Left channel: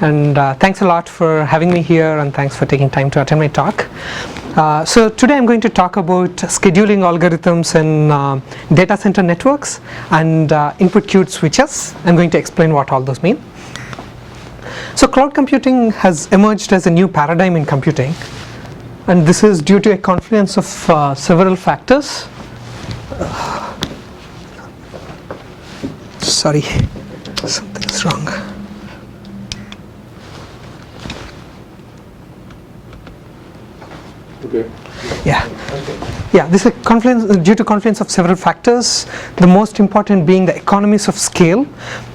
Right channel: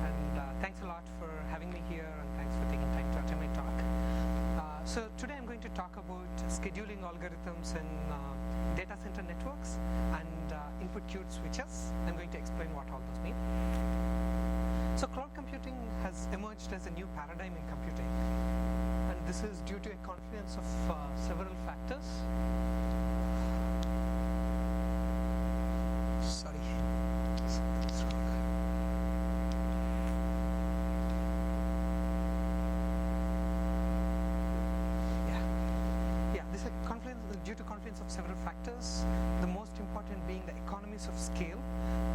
and thanks a lot for having me here, and thanks for taking time to attend my talk. So today I'm going to talk about scheduling algorithms in data center networks and input queued switches. I'm going to explain what all those mean. So cloud computing has emerged as a new paradigm in computing, and this is due to a confluence of several factors. Sorry, something's wrong. Okay. Yeah, this is due to confluence of several factors, the most important being the economies of scale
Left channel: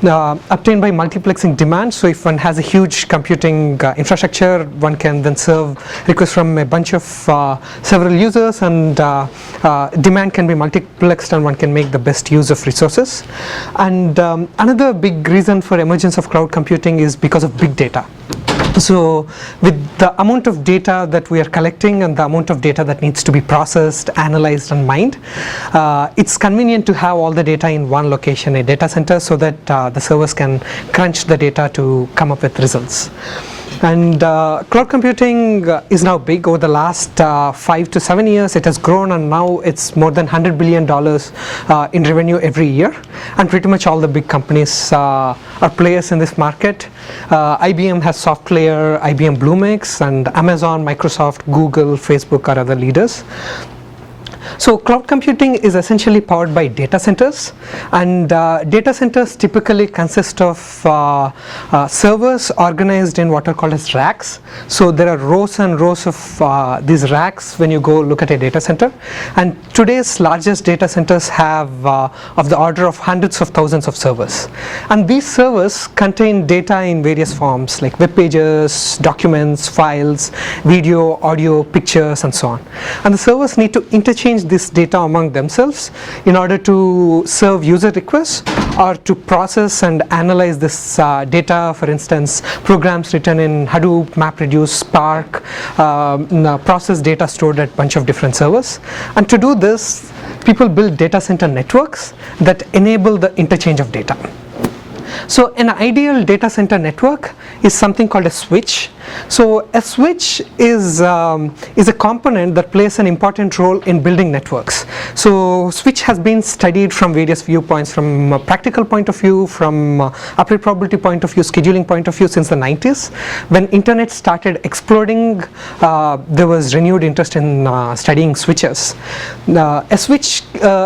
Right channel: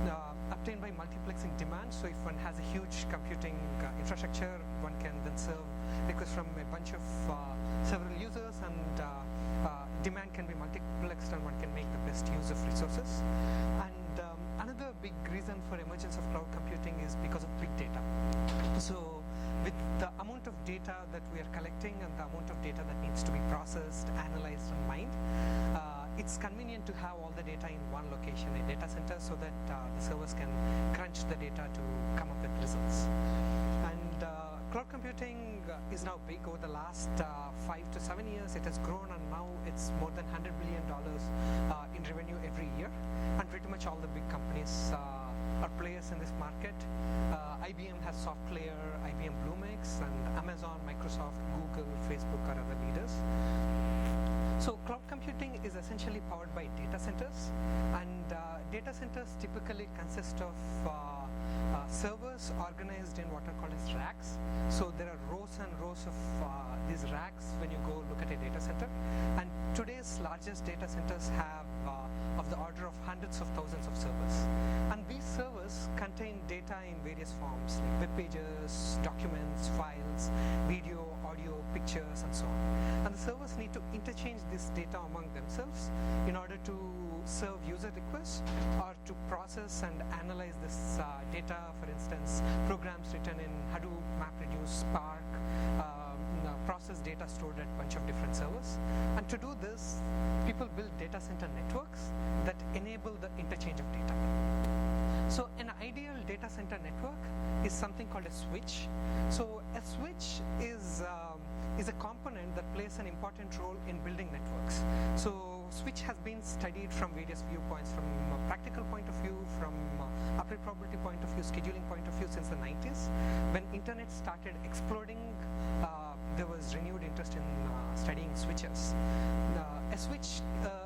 obtained by multiplexing demand. So if one has a huge computing infrastructure, one can then serve requests from a bunch of several users, and demand can be multiplexed, and one can make the best use of resources. And another big reason for emergence of cloud computing is because of big data. So with the amount of data that we are collecting and the amount of data that needs to be processed, analyzed and mined, it's convenient to have all the data in one location, a data center, so that the servers can crunch the data to come up with results. And cloud computing is now big. Over the last 5 to 7 years, it has grown, and now it's more than $100 billion in revenue every year. And pretty much all the big companies are players in this market. IBM has SoftLayer, IBM Bluemix, and Amazon, Microsoft, Google, Facebook are other leaders. So cloud computing is essentially powered by data centers, and data centers typically consist of servers organized in what are called as racks. So there are rows and rows of these racks when you go look at a data center, and today's largest data centers have of the order of hundreds of thousands of servers, and these servers contain data in various forms like web pages, documents, files, video, audio, pictures and so on, and the servers need to interchange this data among themselves in order to serve user requests or to process and analyze this data. For instance, programs written in Hadoop, MapReduce, Spark process data stored at a bunch of different servers, and to do this people build data center networks that enable the interchange of data. So an ideal data center network is something called a switch. So a switch is a component that plays an important role in building networks. So switch has been studied from various viewpoints, from a practical point of view, from applied probability point of view, scheduling point of view, since the 90s. When internet started exploding, there was renewed interest in studying switches. A switch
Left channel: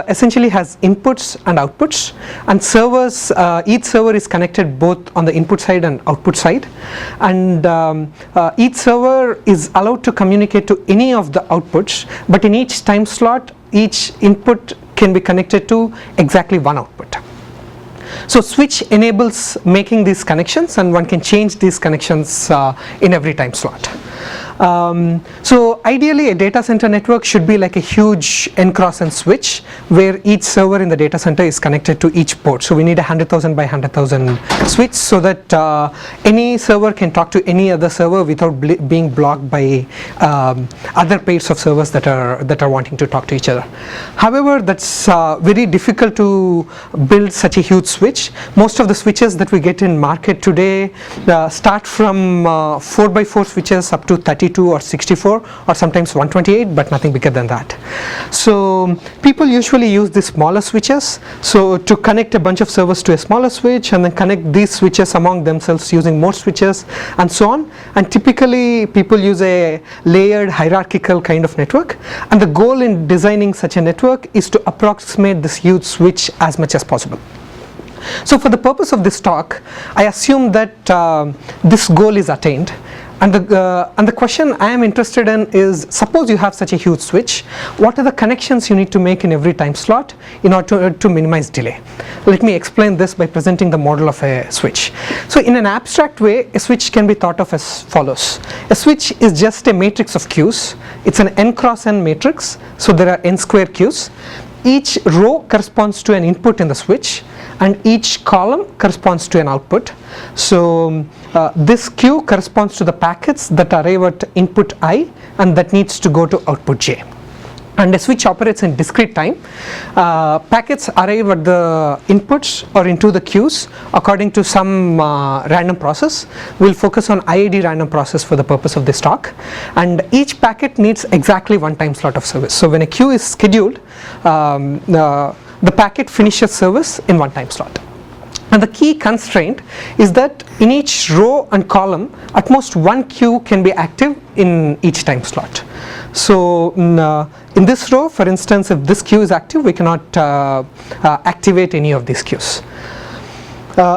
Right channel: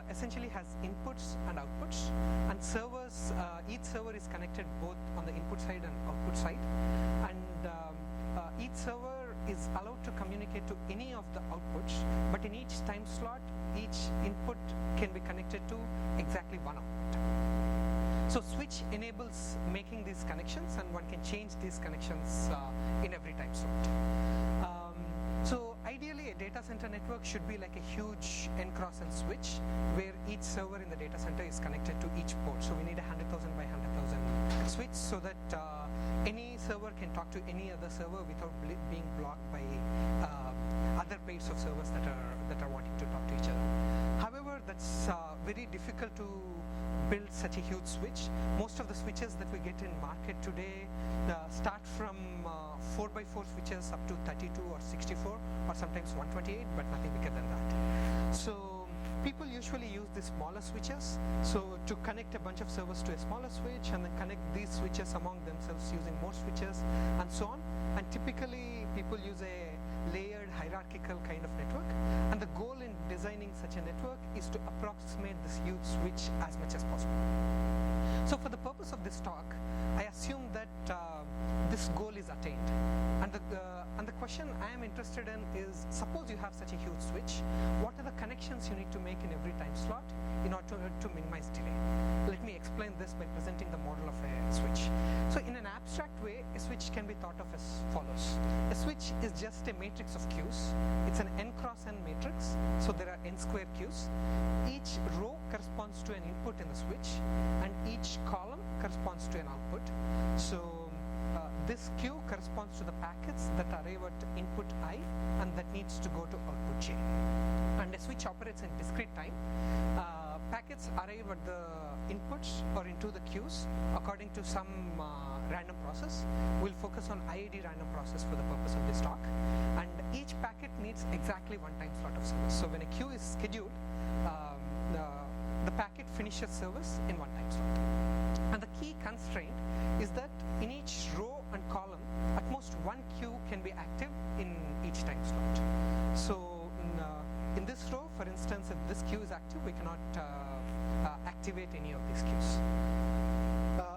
essentially has inputs and outputs, and servers, each server is connected both on the input side and output side, and each server is allowed to communicate to any of the outputs, but in each time slot each input can be connected to exactly one output. So switch enables making these connections, and one can change these connections in every time slot. So ideally a data center network should be like a huge N cross N switch where each server in the data center is connected to each port. So we need a 100,000 by 100,000 switch so that any server can talk to any other server without being blocked by other pairs of servers that are wanting to talk to each other. However, that's very difficult to build such a huge switch. Most of the switches that we get in market today start from 4x4 switches up to 32 or 64 or sometimes 128, but nothing bigger than that. So people usually use the smaller switches, so to connect a bunch of servers to a smaller switch and then connect these switches among themselves using more switches and so on. And typically people use a layered hierarchical kind of network, and the goal in designing such a network is to approximate this huge switch as much as possible. So for the purpose of this talk, I assume that this goal is attained. And the question I am interested in is, suppose you have such a huge switch, what are the connections you need to make in every time slot in order to minimize delay? Let me explain this by presenting the model of a switch. So in an abstract way, a switch can be thought of as follows. A switch is just a matrix of queues. It's an N cross N matrix, so there are N square queues. Each row corresponds to an input in the switch, and each column corresponds to an output. So this queue corresponds to the packets that arrive at input I and that needs to go to output J. and a switch operates in discrete time. Packets arrive at the inputs or into the queues according to some random process. We'll focus on IID random process for the purpose of this talk, and each packet needs exactly one time slot of service. So when a queue is scheduled, the packet finishes service in one time slot. And the key constraint is that in each row and column, at most one queue can be active in each time slot. So in this row, for instance, if this queue is active, we cannot activate any of these queues.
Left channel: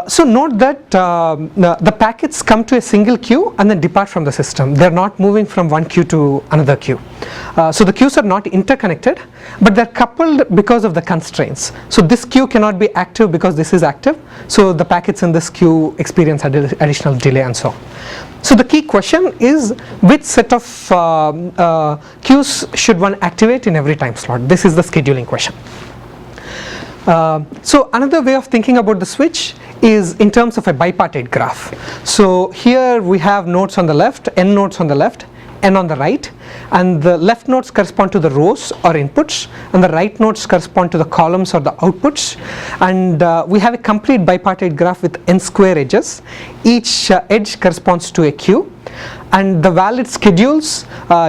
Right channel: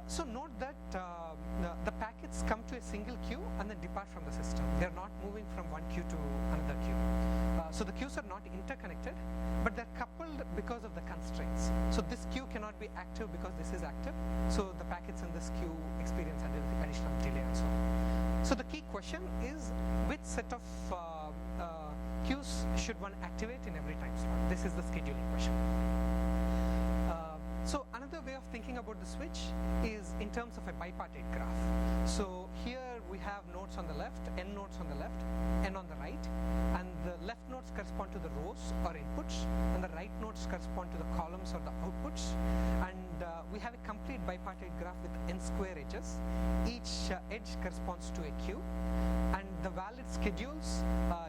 So note that the packets come to a single queue and then depart from the system. They are not moving from one queue to another queue. So the queues are not interconnected, but they are coupled because of the constraints. So this queue cannot be active because this is active. So the packets in this queue experience additional delay and so on. So the key question is, which set of queues should one activate in every time slot? This is the scheduling question. So another way of thinking about the switch is in terms of a bipartite graph. So here we have nodes on the left, n nodes on the left, n on the right, and the left nodes correspond to the rows or inputs, and the right nodes correspond to the columns or the outputs. And we have a complete bipartite graph with n square edges. Each edge corresponds to a queue, and the valid schedules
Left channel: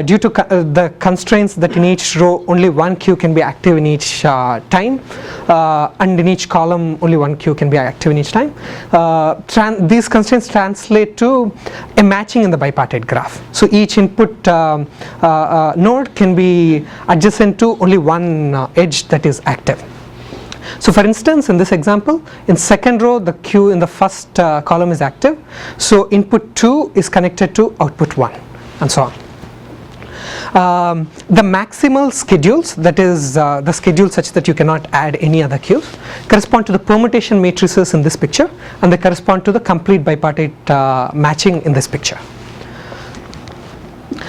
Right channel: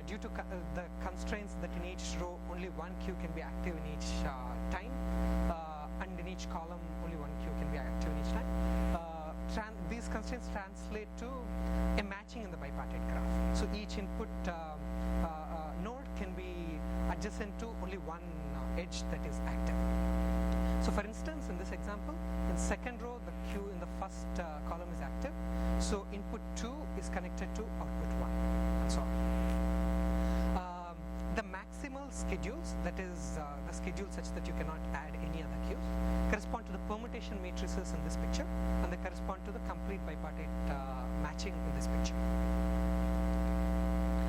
due to the constraints that in each row only one queue can be active in each time, and in each column only one queue can be active in each time. These constraints translate to a matching in the bipartite graph. So each input node can be adjacent to only one edge that is active. So for instance, in this example, in second row the queue in the first column is active, so input 2 is connected to output 1, and so on. The maximal schedules, that is the schedule such that you cannot add any other queues, correspond to the permutation matrices in this picture, and they correspond to the complete bipartite matching in this picture.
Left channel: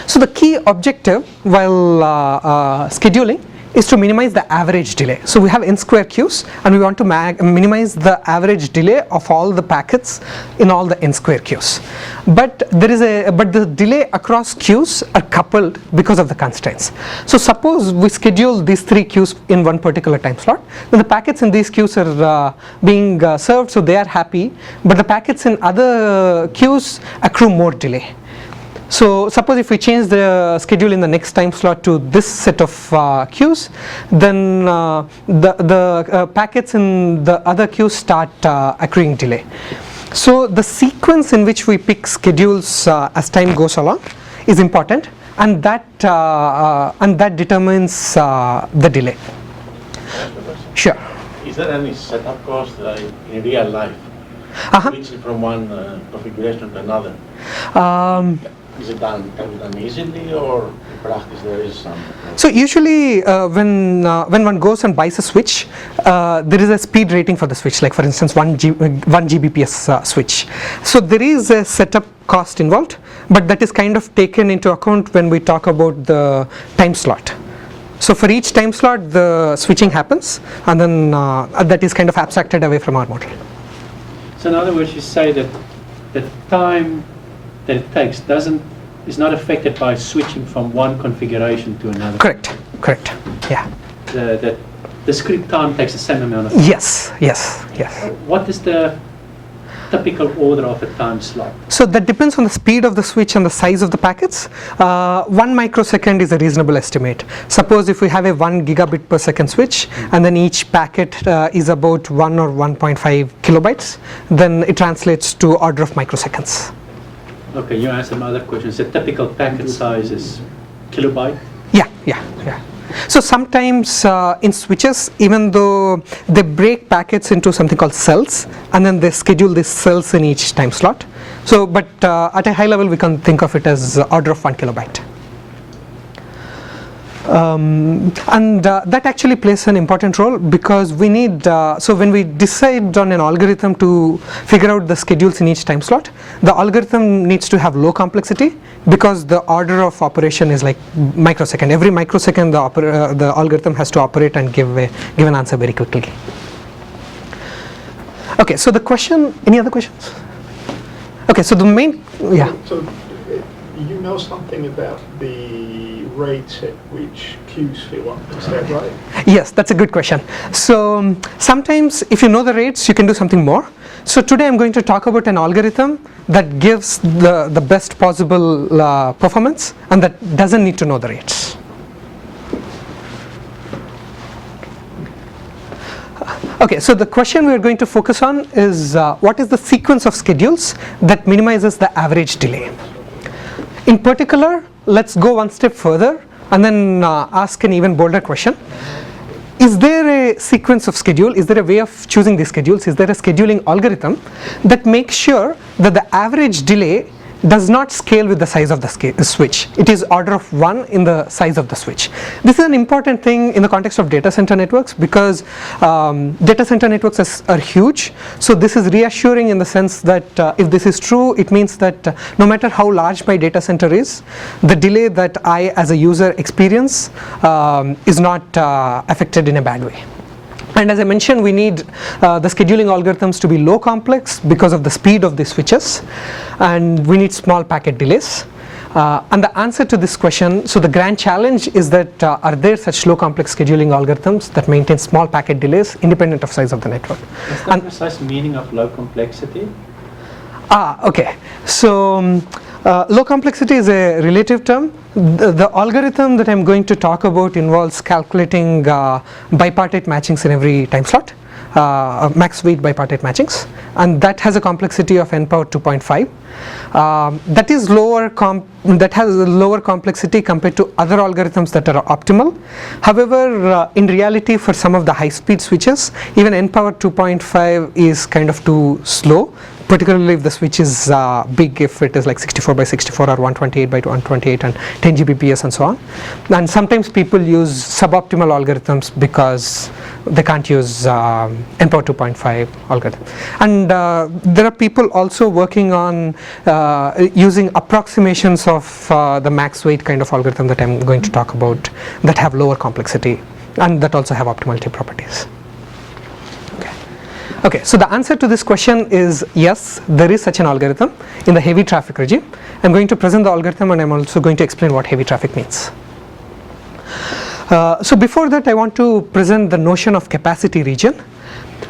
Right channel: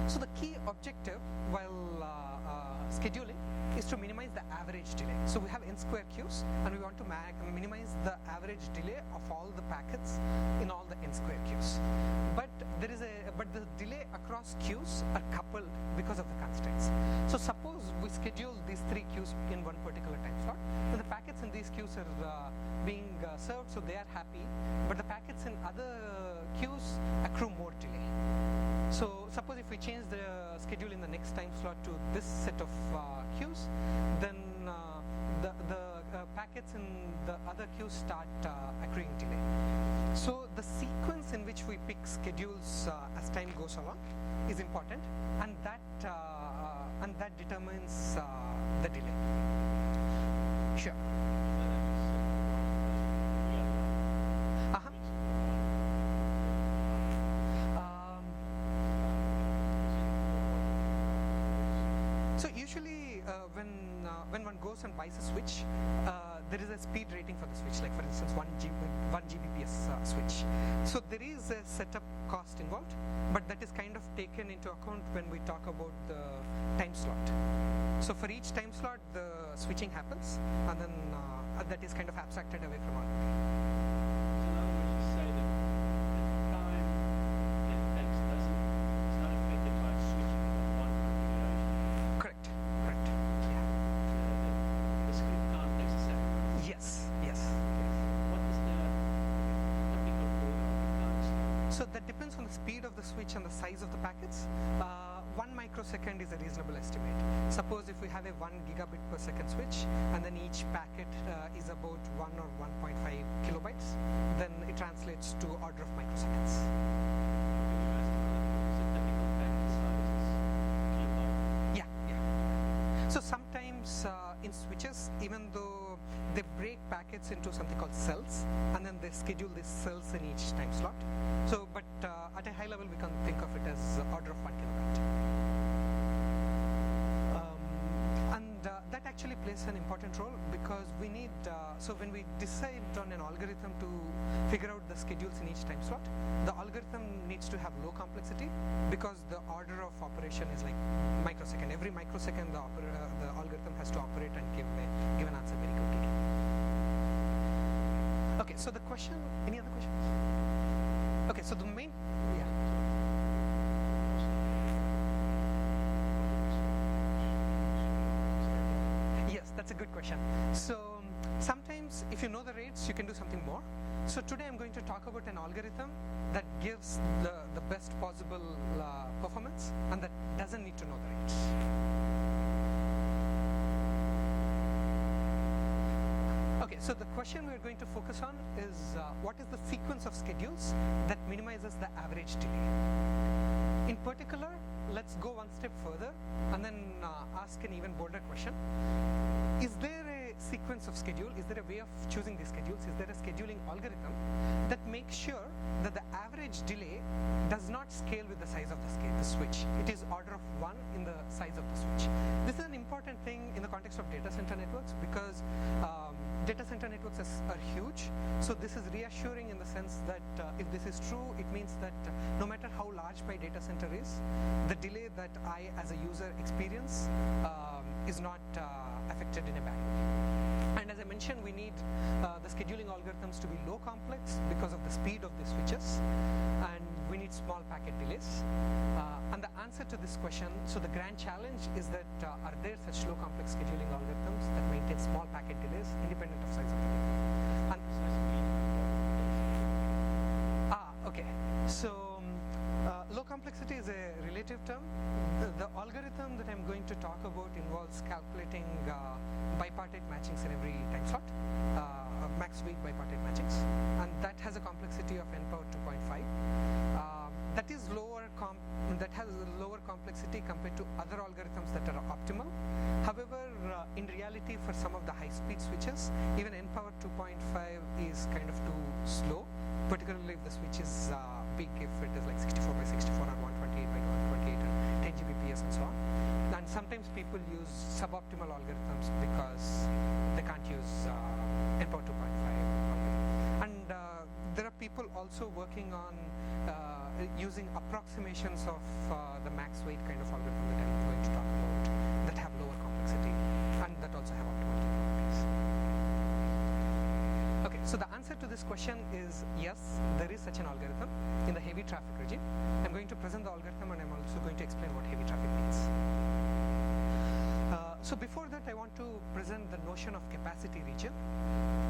So the key objective while scheduling is to minimize the average delay. So we have n square queues, and we want to minimize the average delay of all the packets in all the n square queues. But the delay across queues are coupled because of the constraints. So suppose we schedule these 3 queues in one particular time slot, then the packets in these queues are being served, so they are happy, but the packets in other queues accrue more delay. So suppose if we change the schedule in the next time slot to this set of queues, then the packets in the other queues start accruing delay. So the sequence in which we pick schedules as time goes along is important, and that determines the delay. Sure. Is there any setup cost in real life, switching from one configuration to another? Is it can be done easily, or in practice there is some? So usually when one goes and buys a switch, there is a speed rating for the switch, like for instance 1 Gbps switch. So there is a setup cost involved, but that is kind of taken into account when we talk about the time slot. So for each time slot the switching happens, and then that is kind of abstracted away from our model. So in other words, you say that the time that it takes is not affected by switching from one configuration to another. Correct. Yeah. The discrete time takes the same amount of time. Yes. What is the typical order of a time slot? So that depends on the speed of the switch and the size of the packets. 1 microsecond is a reasonable estimate. Suppose if we have a 1 gigabit per second switch, and then each packet is about 1 or 1.5 kilobytes, then it translates to order of microseconds. Okay, you answered my other questions. The typical packet size is kilobyte? Yeah. So sometimes in switches, even though they break packets into something called cells, and then they schedule these cells in each time slot. So, but at a high level, we can think of it as order of 1 kilobyte. And that actually plays an important role, because we need, so when we decide on an algorithm to figure out the schedules in each time slot, the algorithm needs to have low complexity, because the order of operation is like microsecond. Every microsecond the algorithm has to operate and give an answer very quickly. Okay, so the question, any other questions? Okay, so the main, yeah. So you know something about the rate at which queues fill up. Is that right? Yes, that's a good question. So sometimes if you know the rates, you can do something more. So today I'm going to talk about an algorithm that gives the best possible performance and that doesn't need to know the rates. Okay, so the question we are going to focus on is what is the sequence of schedules that minimizes the average delay? In particular, let's go one step further and then ask an even bolder question. Is there a sequence of schedule? Is there a way of choosing these schedules? Is there a scheduling algorithm that makes sure that the average delay does not scale with the size of the switch? It is order of 1 in the size of the switch. This is an important thing in the context of data center networks because data center networks are huge. So this is reassuring in the sense that if this is true, it means that no matter how large my data center is, the delay that I as a user experience is not affected in a bad way. And as I mentioned, we need the scheduling algorithms to be low complex because of the speed of the switches, and we need small packet delays. And the answer to this question, so the grand challenge is that are there such low complex scheduling algorithms that maintain small packet delays independent of size of the network? What's the precise meaning of low complexity? Okay. So low complexity is a relative term. The algorithm that I'm going to talk about involves calculating bipartite matchings in every time slot, max weight bipartite matchings, and that has a complexity of n power 2.5. That is that has a lower complexity compared to other algorithms that are optimal. However, in reality, for some of the high-speed switches, even n power 2.5 is kind of too slow, particularly if the switch is big, if it is like 64 by 64 or 128 by 128 and 10 Gbps and so on. And sometimes people use suboptimal algorithms because they can't use n power 2.5 algorithm. And there are people also working on using approximations of the max weight kind of algorithm that I'm going to talk about that have lower complexity and that also have optimality properties. Okay, so the answer to this question is yes, there is such an algorithm in the heavy traffic regime. I'm going to present the algorithm and I'm also going to explain what heavy traffic means. So before that, I want to present the notion of capacity region.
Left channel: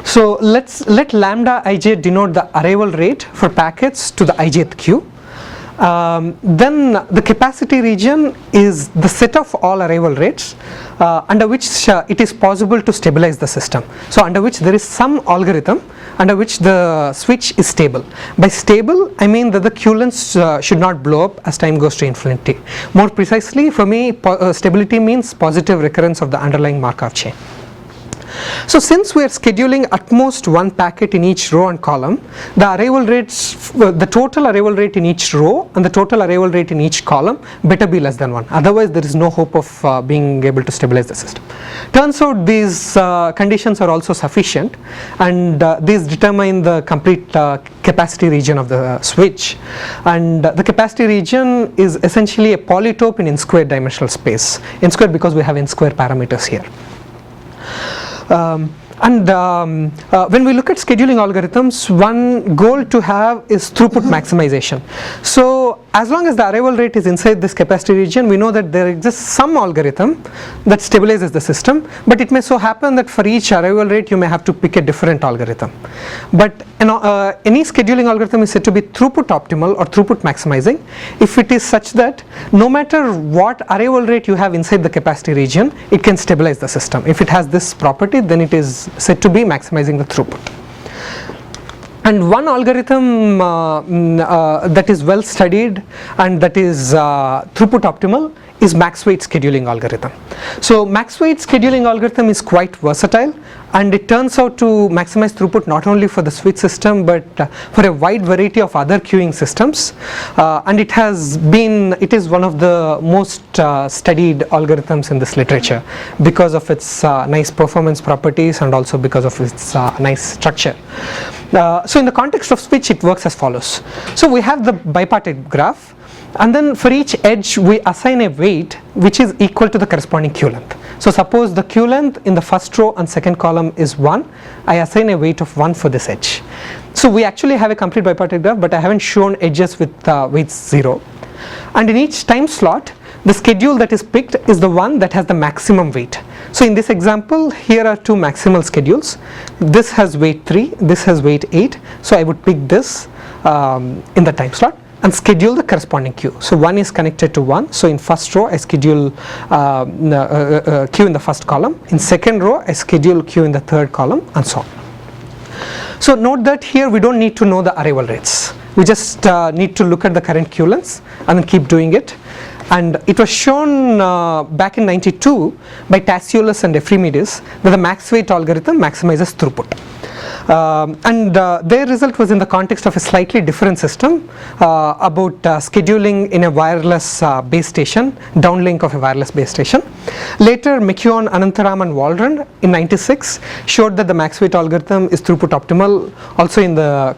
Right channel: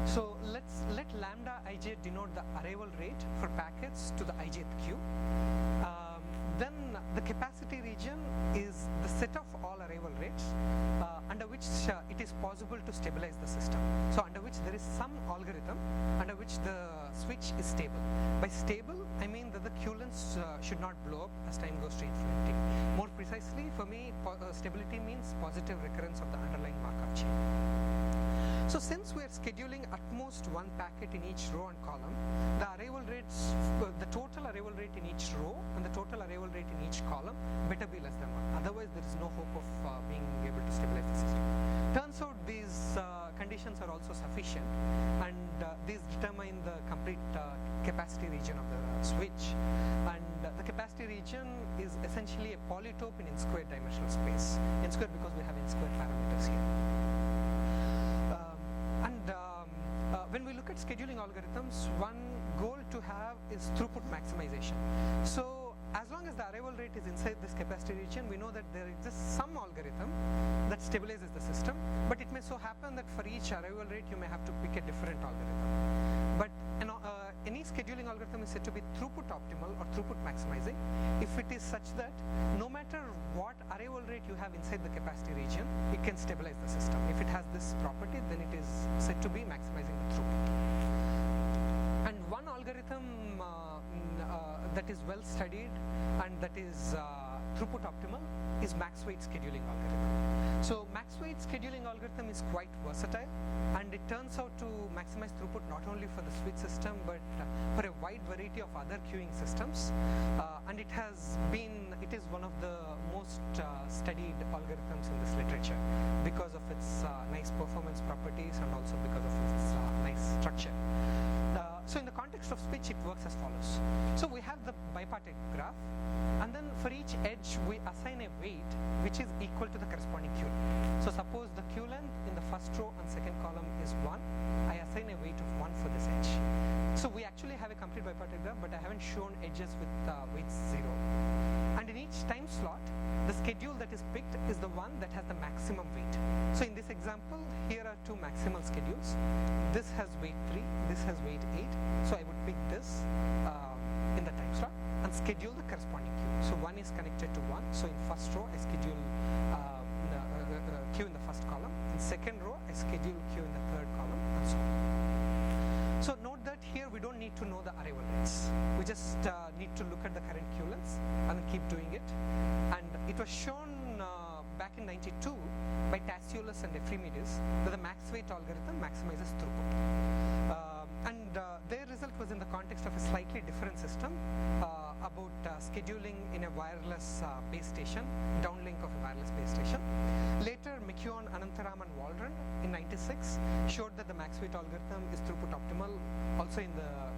So let lambda ij denote the arrival rate for packets to the ijth queue. Then the capacity region is the set of all arrival rates under which it is possible to stabilize the system. So under which there is some algorithm under which the switch is stable. By stable, I mean that the queue lengths should not blow up as time goes to infinity. More precisely, for me, stability means positive recurrence of the underlying Markov chain. So since we are scheduling at most one packet in each row and column, the arrival rates, the total arrival rate in each row and the total arrival rate in each column better be less than 1. Otherwise, there is no hope of being able to stabilize the system. Turns out these conditions are also sufficient, and these determine the complete capacity region of the switch. And the capacity region is essentially a polytope in n-squared dimensional space. N-squared because we have n-squared parameters here. When we look at scheduling algorithms, one goal to have is throughput maximization. So as long as the arrival rate is inside this capacity region, we know that there exists some algorithm that stabilizes the system, but it may so happen that for each arrival rate you may have to pick a different algorithm. But any scheduling algorithm is said to be throughput optimal or throughput maximizing if it is such that no matter what arrival rate you have inside the capacity region, it can stabilize the system. If it has this property, then it is said to be maximizing the throughput. And one algorithm that is well studied and that is throughput optimal is max weight scheduling algorithm. So max weight scheduling algorithm is quite versatile, and it turns out to maximize throughput not only for the switch system but for a wide variety of other queuing systems, and it is one of the most studied algorithms in this literature because of its nice performance properties and also because of its nice structure. So in the context of switch, it works as follows. So we have the bipartite graph, and then for each edge we assign a weight which is equal to the corresponding queue length. So suppose the queue length in the first row and second column is 1, I assign a weight of 1 for this edge. So we actually have a complete bipartite graph, but I haven't shown edges with weights 0. And in each time slot the schedule that is picked is the one that has the maximum weight. So in this example, here are two maximal schedules. This has weight 3, this has weight 8. So I would pick this in the time slot and schedule the corresponding queue. So 1 is connected to 1. So in first row, I schedule queue in the first column. In second row, I schedule queue in the third column, and so on. So note that here we don't need to know the arrival rates. We just need to look at the current queue lengths and then keep doing it. And it was shown back in '92 by Tasciolus and Ephremidis that the max weight algorithm maximizes throughput. Their result was in the context of a slightly different system about scheduling in a wireless base station, downlink of a wireless base station. Later, McKeown, Anantaram and Waldron in '96 showed that the max weight algorithm is throughput optimal also in the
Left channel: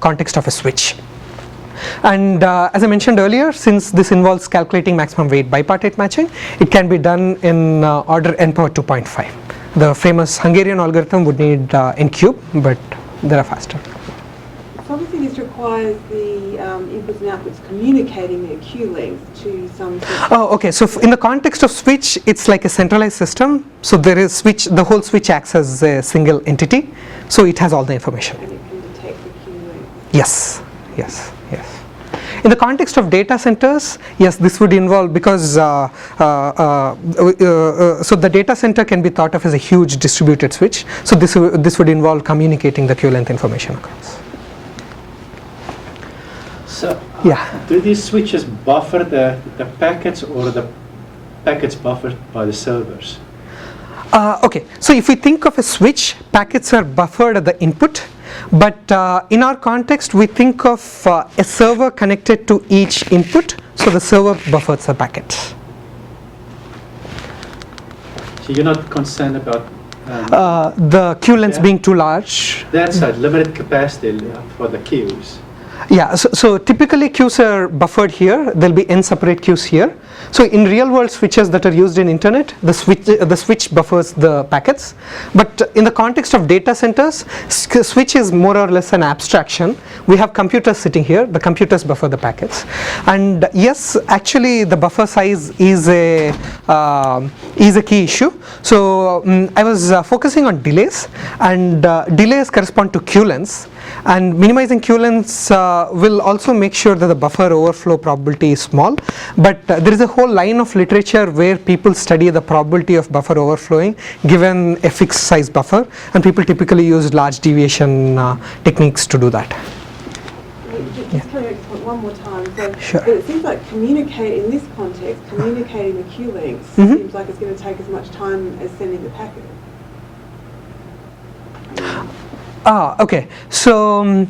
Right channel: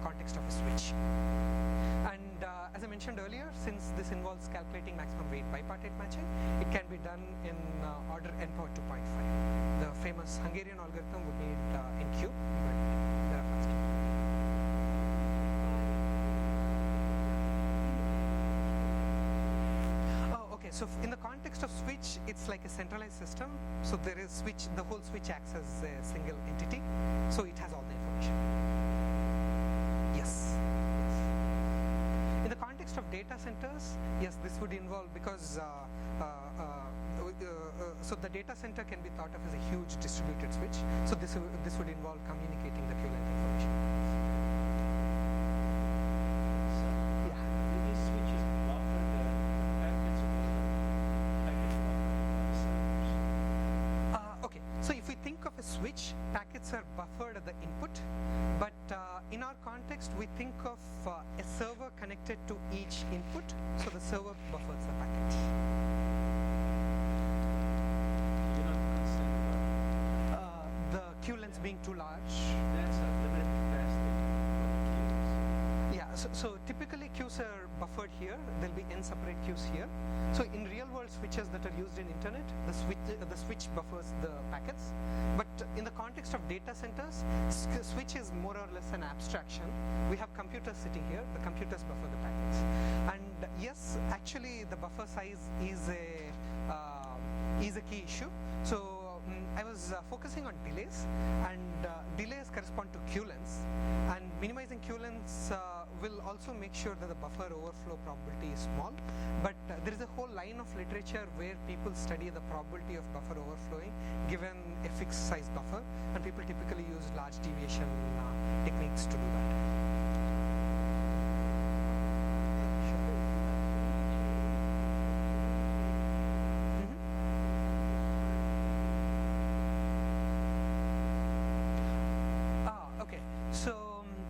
context of a switch. And as I mentioned earlier, since this involves calculating maximum weight bipartite matching, it can be done in order n power 2.5. The famous Hungarian algorithm would need n cube, but they are faster. So obviously this requires the inputs and outputs communicating their queue length to some system. Oh, okay. So in the context of switch, it's like a centralized system. So there is switch, the whole switch acts as a single entity. So it has all the information. And it can detect the queue length. Yes, yes, yes. In the context of data centers, yes, this would involve, because so the data center can be thought of as a huge distributed switch. So this would involve communicating the queue length information across. So Yeah. do these switches buffer the packets, or the packets buffered by the servers? Okay, so if we think of a switch, packets are buffered at the input, but in our context we think of a server connected to each input, so the server buffers the packet. So you're not concerned about The queue lengths Yeah. being too large. that's a limited capacity for the queues. Yeah, so typically queues are buffered here. There'll be n separate queues here. So in real world switches that are used in internet, the switch buffers the packets. But in the context of data centers, switch is more or less an abstraction. We have computers sitting here. The computers buffer the packets. And yes, actually the buffer size is a key issue. So I was focusing on delays, and delays correspond to queue lengths. And minimizing queue lengths will also make sure that the buffer overflow probability is small. But there is a whole line of literature where people study the probability of buffer overflowing given a fixed size buffer, and people typically use large deviation techniques to do that. Just coming back to point one more time. So, Sure. But it seems like in this context, communicating the queue lengths seems like it's going to take as much time as sending the packet. Okay. So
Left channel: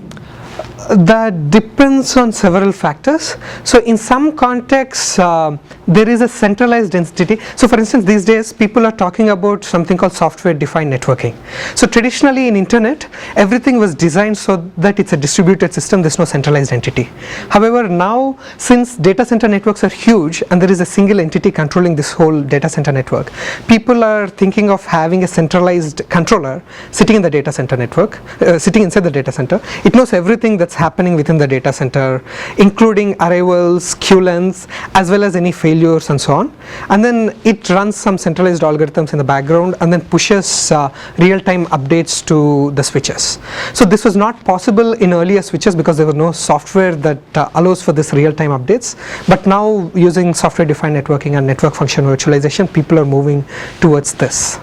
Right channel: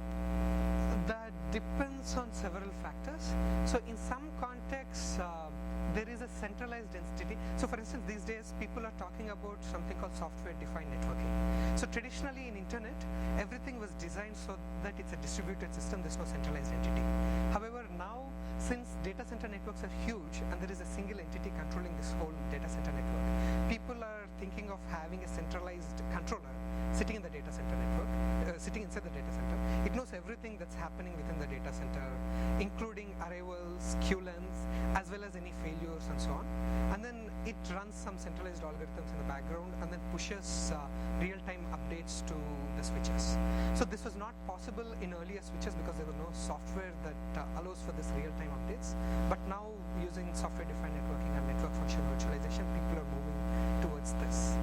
that depends on several factors. So in some contexts, there is a centralized entity. So for instance, these days people are talking about something called software defined networking. So traditionally in internet, everything was designed so that it's a distributed system, there's no centralized entity. However, now since data center networks are huge and there is a single entity controlling this whole data center network, people are thinking of having a centralized controller sitting in the data center network, sitting inside the data center. It knows everything that's happening within the data center, including arrivals, queue lengths, as well as any failures and so on. And then it runs some centralized algorithms in the background and then pushes real-time updates to the switches. So this was not possible in earlier switches because there was no software that allows for this real-time updates. But now using software-defined networking and network function virtualization, people are moving towards this.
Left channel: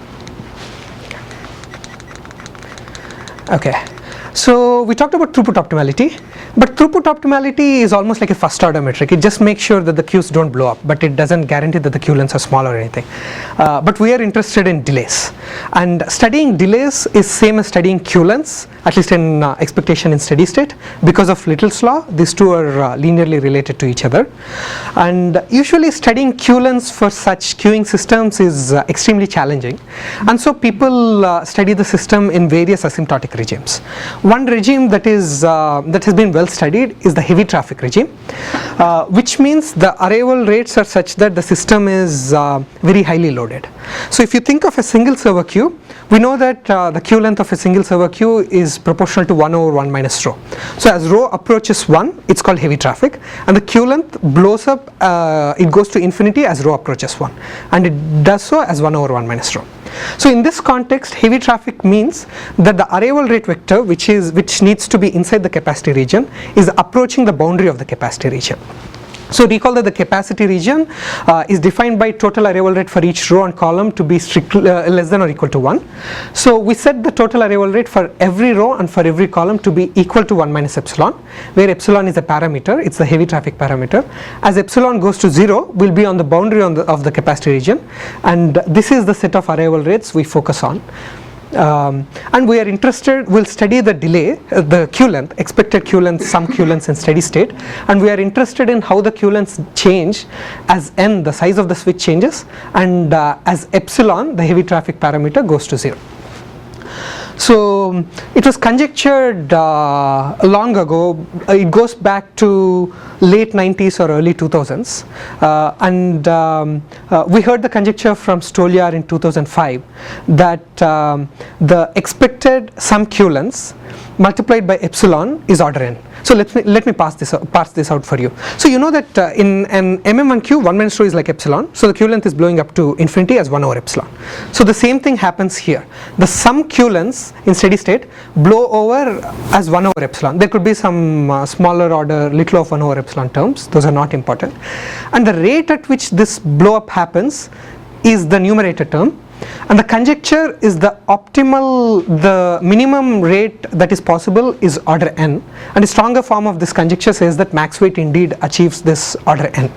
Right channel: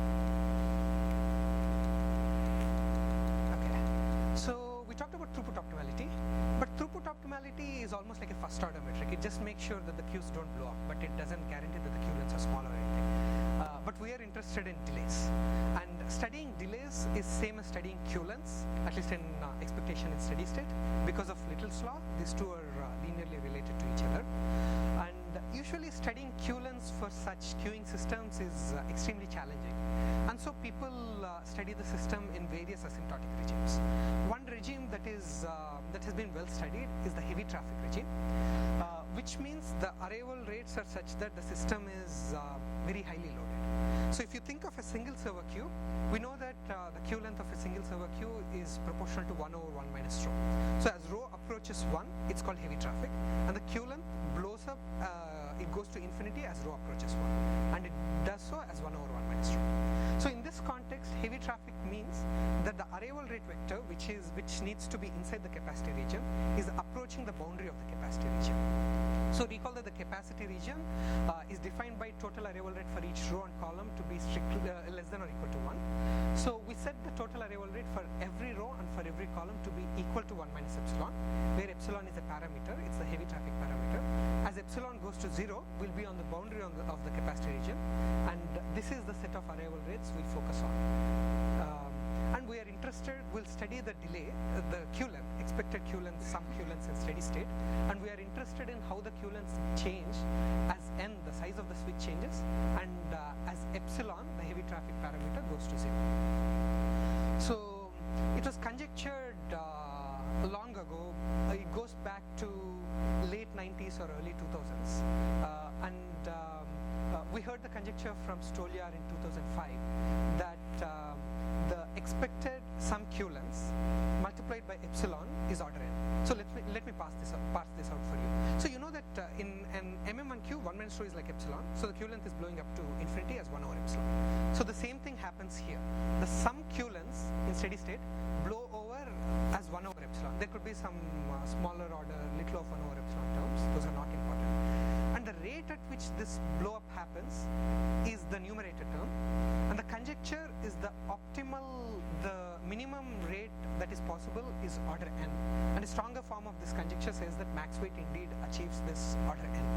Okay. So we talked about throughput optimality, but throughput optimality is almost like a first order metric. It just makes sure that the queues don't blow up, but it doesn't guarantee that the queue lengths are small or anything. But we are interested in delays, and studying delays is same as studying queue lengths, at least in expectation in steady state. Because of Little's law, these two are linearly related to each other. And usually studying queue lengths for such queuing systems is extremely challenging. And so people study the system in various asymptotic regimes. One regime regime that has been well studied is the heavy traffic regime, which means the arrival rates are such that the system is very highly loaded. So if you think of a single server queue, we know that the queue length of a single server queue is proportional to 1 over 1 minus rho. So as rho approaches 1, it's called heavy traffic, and the queue length blows up, it goes to infinity as rho approaches 1, and it does so as 1 over 1 minus rho. So in this context, heavy traffic means that the arrival rate vector, which needs to be inside the capacity region, is approaching the boundary of the capacity region. So recall that the capacity region is defined by total arrival rate for each row and column to be strictly less than or equal to 1. So we set the total arrival rate for every row and for every column to be equal to 1 minus epsilon, where epsilon is a parameter, it's the heavy traffic parameter. As epsilon goes to 0, we'll be on the boundary of the capacity region, and this is the set of arrival rates we focus on. And we are interested, we'll study the delay, the queue length, expected queue length, some queue lengths in steady state, and we are interested in how the queue lengths change as n, the size of the switch changes, and as epsilon, the heavy traffic parameter, goes to 0. So it was conjectured long ago, it goes back to late 90s or early 2000s, and we heard the conjecture from Stoliar in 2005 that the expected sum queue lengths multiplied by epsilon is order n. So let me parse this out for you. So you know that in an MM1 queue, 1 minus rho is like epsilon, so the queue length is blowing up to infinity as 1 over epsilon. So the same thing happens here. The sum queue lengths in steady state blow over as 1 over epsilon. There could be some smaller order little of 1 over epsilon terms, those are not important. And the rate at which this blow up happens is the numerator term, and the conjecture is the minimum rate that is possible is order n, and a stronger form of this conjecture says that max weight indeed achieves this order n.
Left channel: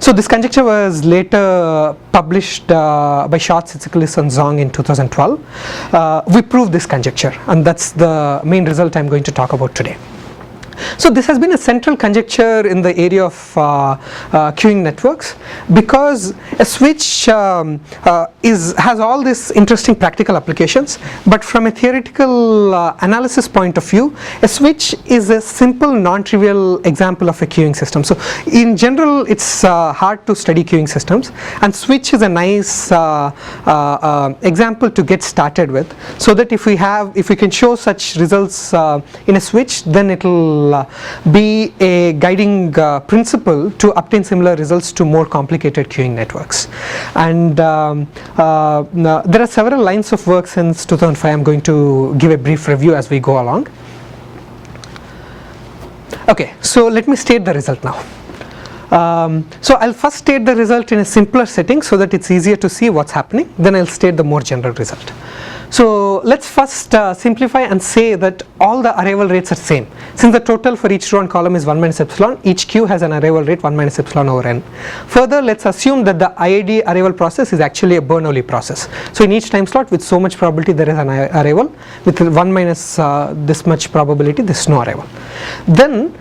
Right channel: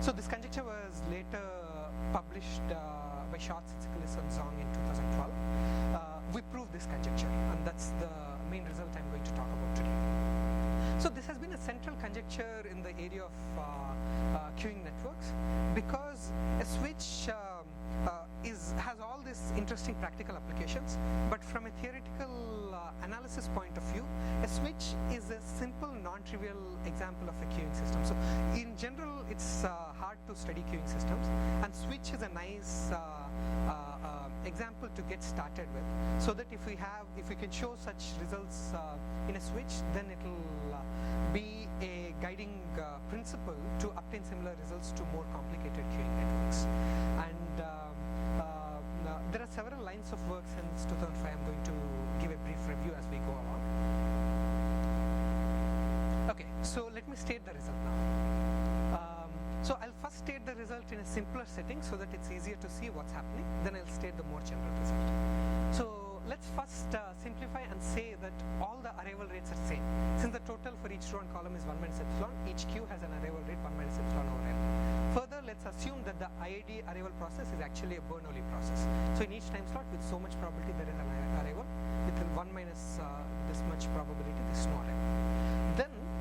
So this conjecture was later published by Schatz, Tsitsikalis and Zhang in 2012. We proved this conjecture, and that's the main result I'm going to talk about today. So this has been a central conjecture in the area of queuing networks, because a switch has all these interesting practical applications, but from a theoretical analysis point of view, a switch is a simple non-trivial example of a queuing system. So in general, it's hard to study queuing systems, and switch is a nice example to get started with, so that if we can show such results in a switch, then it will be a guiding principle to obtain similar results to more complicated queuing networks. And there are several lines of work since 2005. I'm going to give a brief review as we go along. Okay, so let me state the result now. So I'll first state the result in a simpler setting so that it's easier to see what's happening, then I'll state the more general result. So let's first simplify and say that all the arrival rates are same. Since the total for each row and column is 1 minus epsilon, each queue has an arrival rate 1 minus epsilon over n. Further, let's assume that the IID arrival process is actually a Bernoulli process. So in each time slot with so much probability there is an arrival, with 1 minus this much probability there is no arrival. Then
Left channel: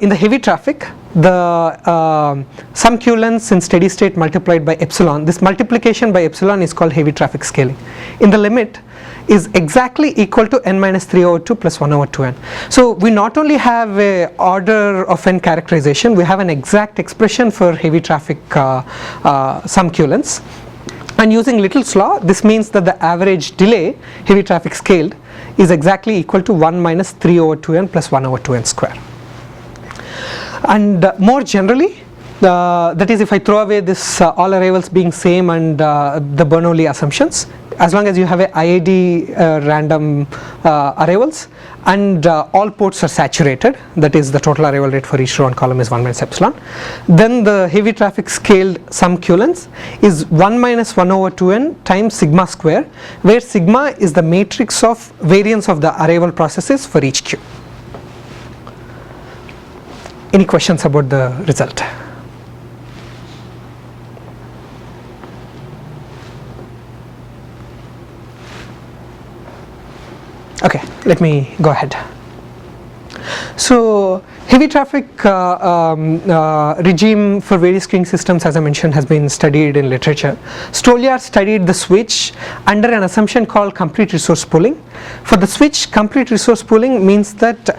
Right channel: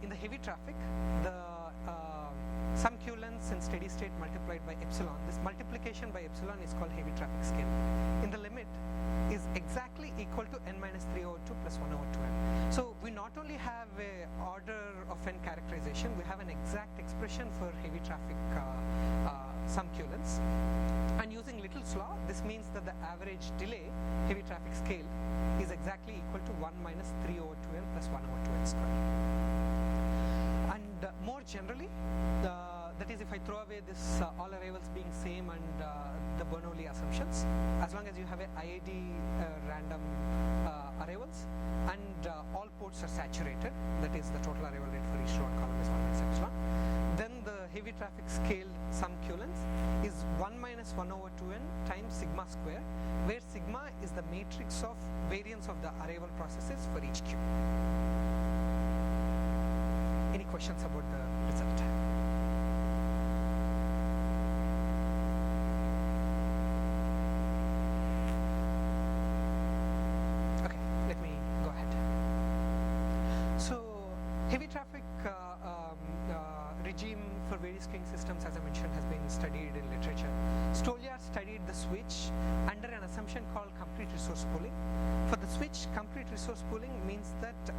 in the heavy traffic, the sum queue lengths in steady state multiplied by epsilon, this multiplication by epsilon is called heavy traffic scaling. In the limit is exactly equal to n minus 3 over 2 plus 1 over 2n. So we not only have a order of n characterization, we have an exact expression for heavy traffic sum queue lengths. And using Little's law, this means that the average delay, heavy traffic scaled, is exactly equal to 1 minus 3 over 2n plus 1 over 2n square. And more generally, that is if I throw away this all arrivals being same and the Bernoulli assumptions, as long as you have a IID random arrivals and all ports are saturated, that is the total arrival rate for each row and column is 1 minus epsilon, then the heavy traffic scaled sum queue length is 1 minus 1 over 2n times sigma square, where sigma is the matrix of variance of the arrival processes for each queue. Any questions about the result? Okay, let me go ahead. So Heavy traffic regime for various queuing systems, as I mentioned, has been studied in literature. Stoliar studied the switch under an assumption called complete resource pooling. For the switch, complete resource pooling means that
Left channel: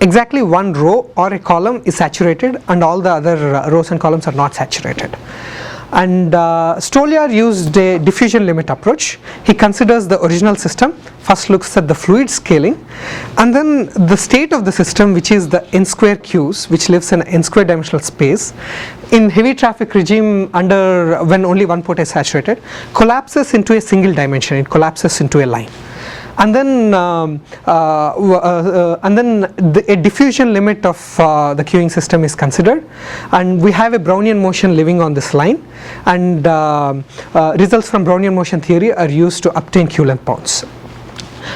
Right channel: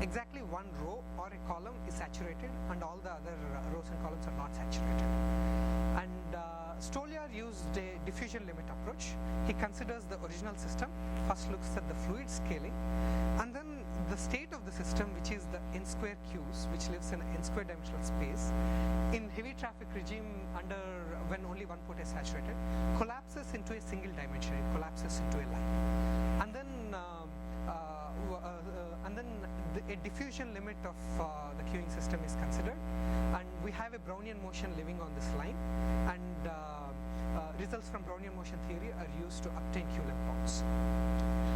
exactly one row or a column is saturated and all the other rows and columns are not saturated. And Stoliar used a diffusion limit approach. He considers the original system, first looks at the fluid scaling, and then the state of the system, which is the n square queues, which lives in an n square dimensional space, in heavy traffic regime under when only one port is saturated, collapses into a single dimension, it collapses into a line. And then a diffusion limit of the queuing system is considered, and we have a Brownian motion living on this line, and results from Brownian motion theory are used to obtain queue length bounds.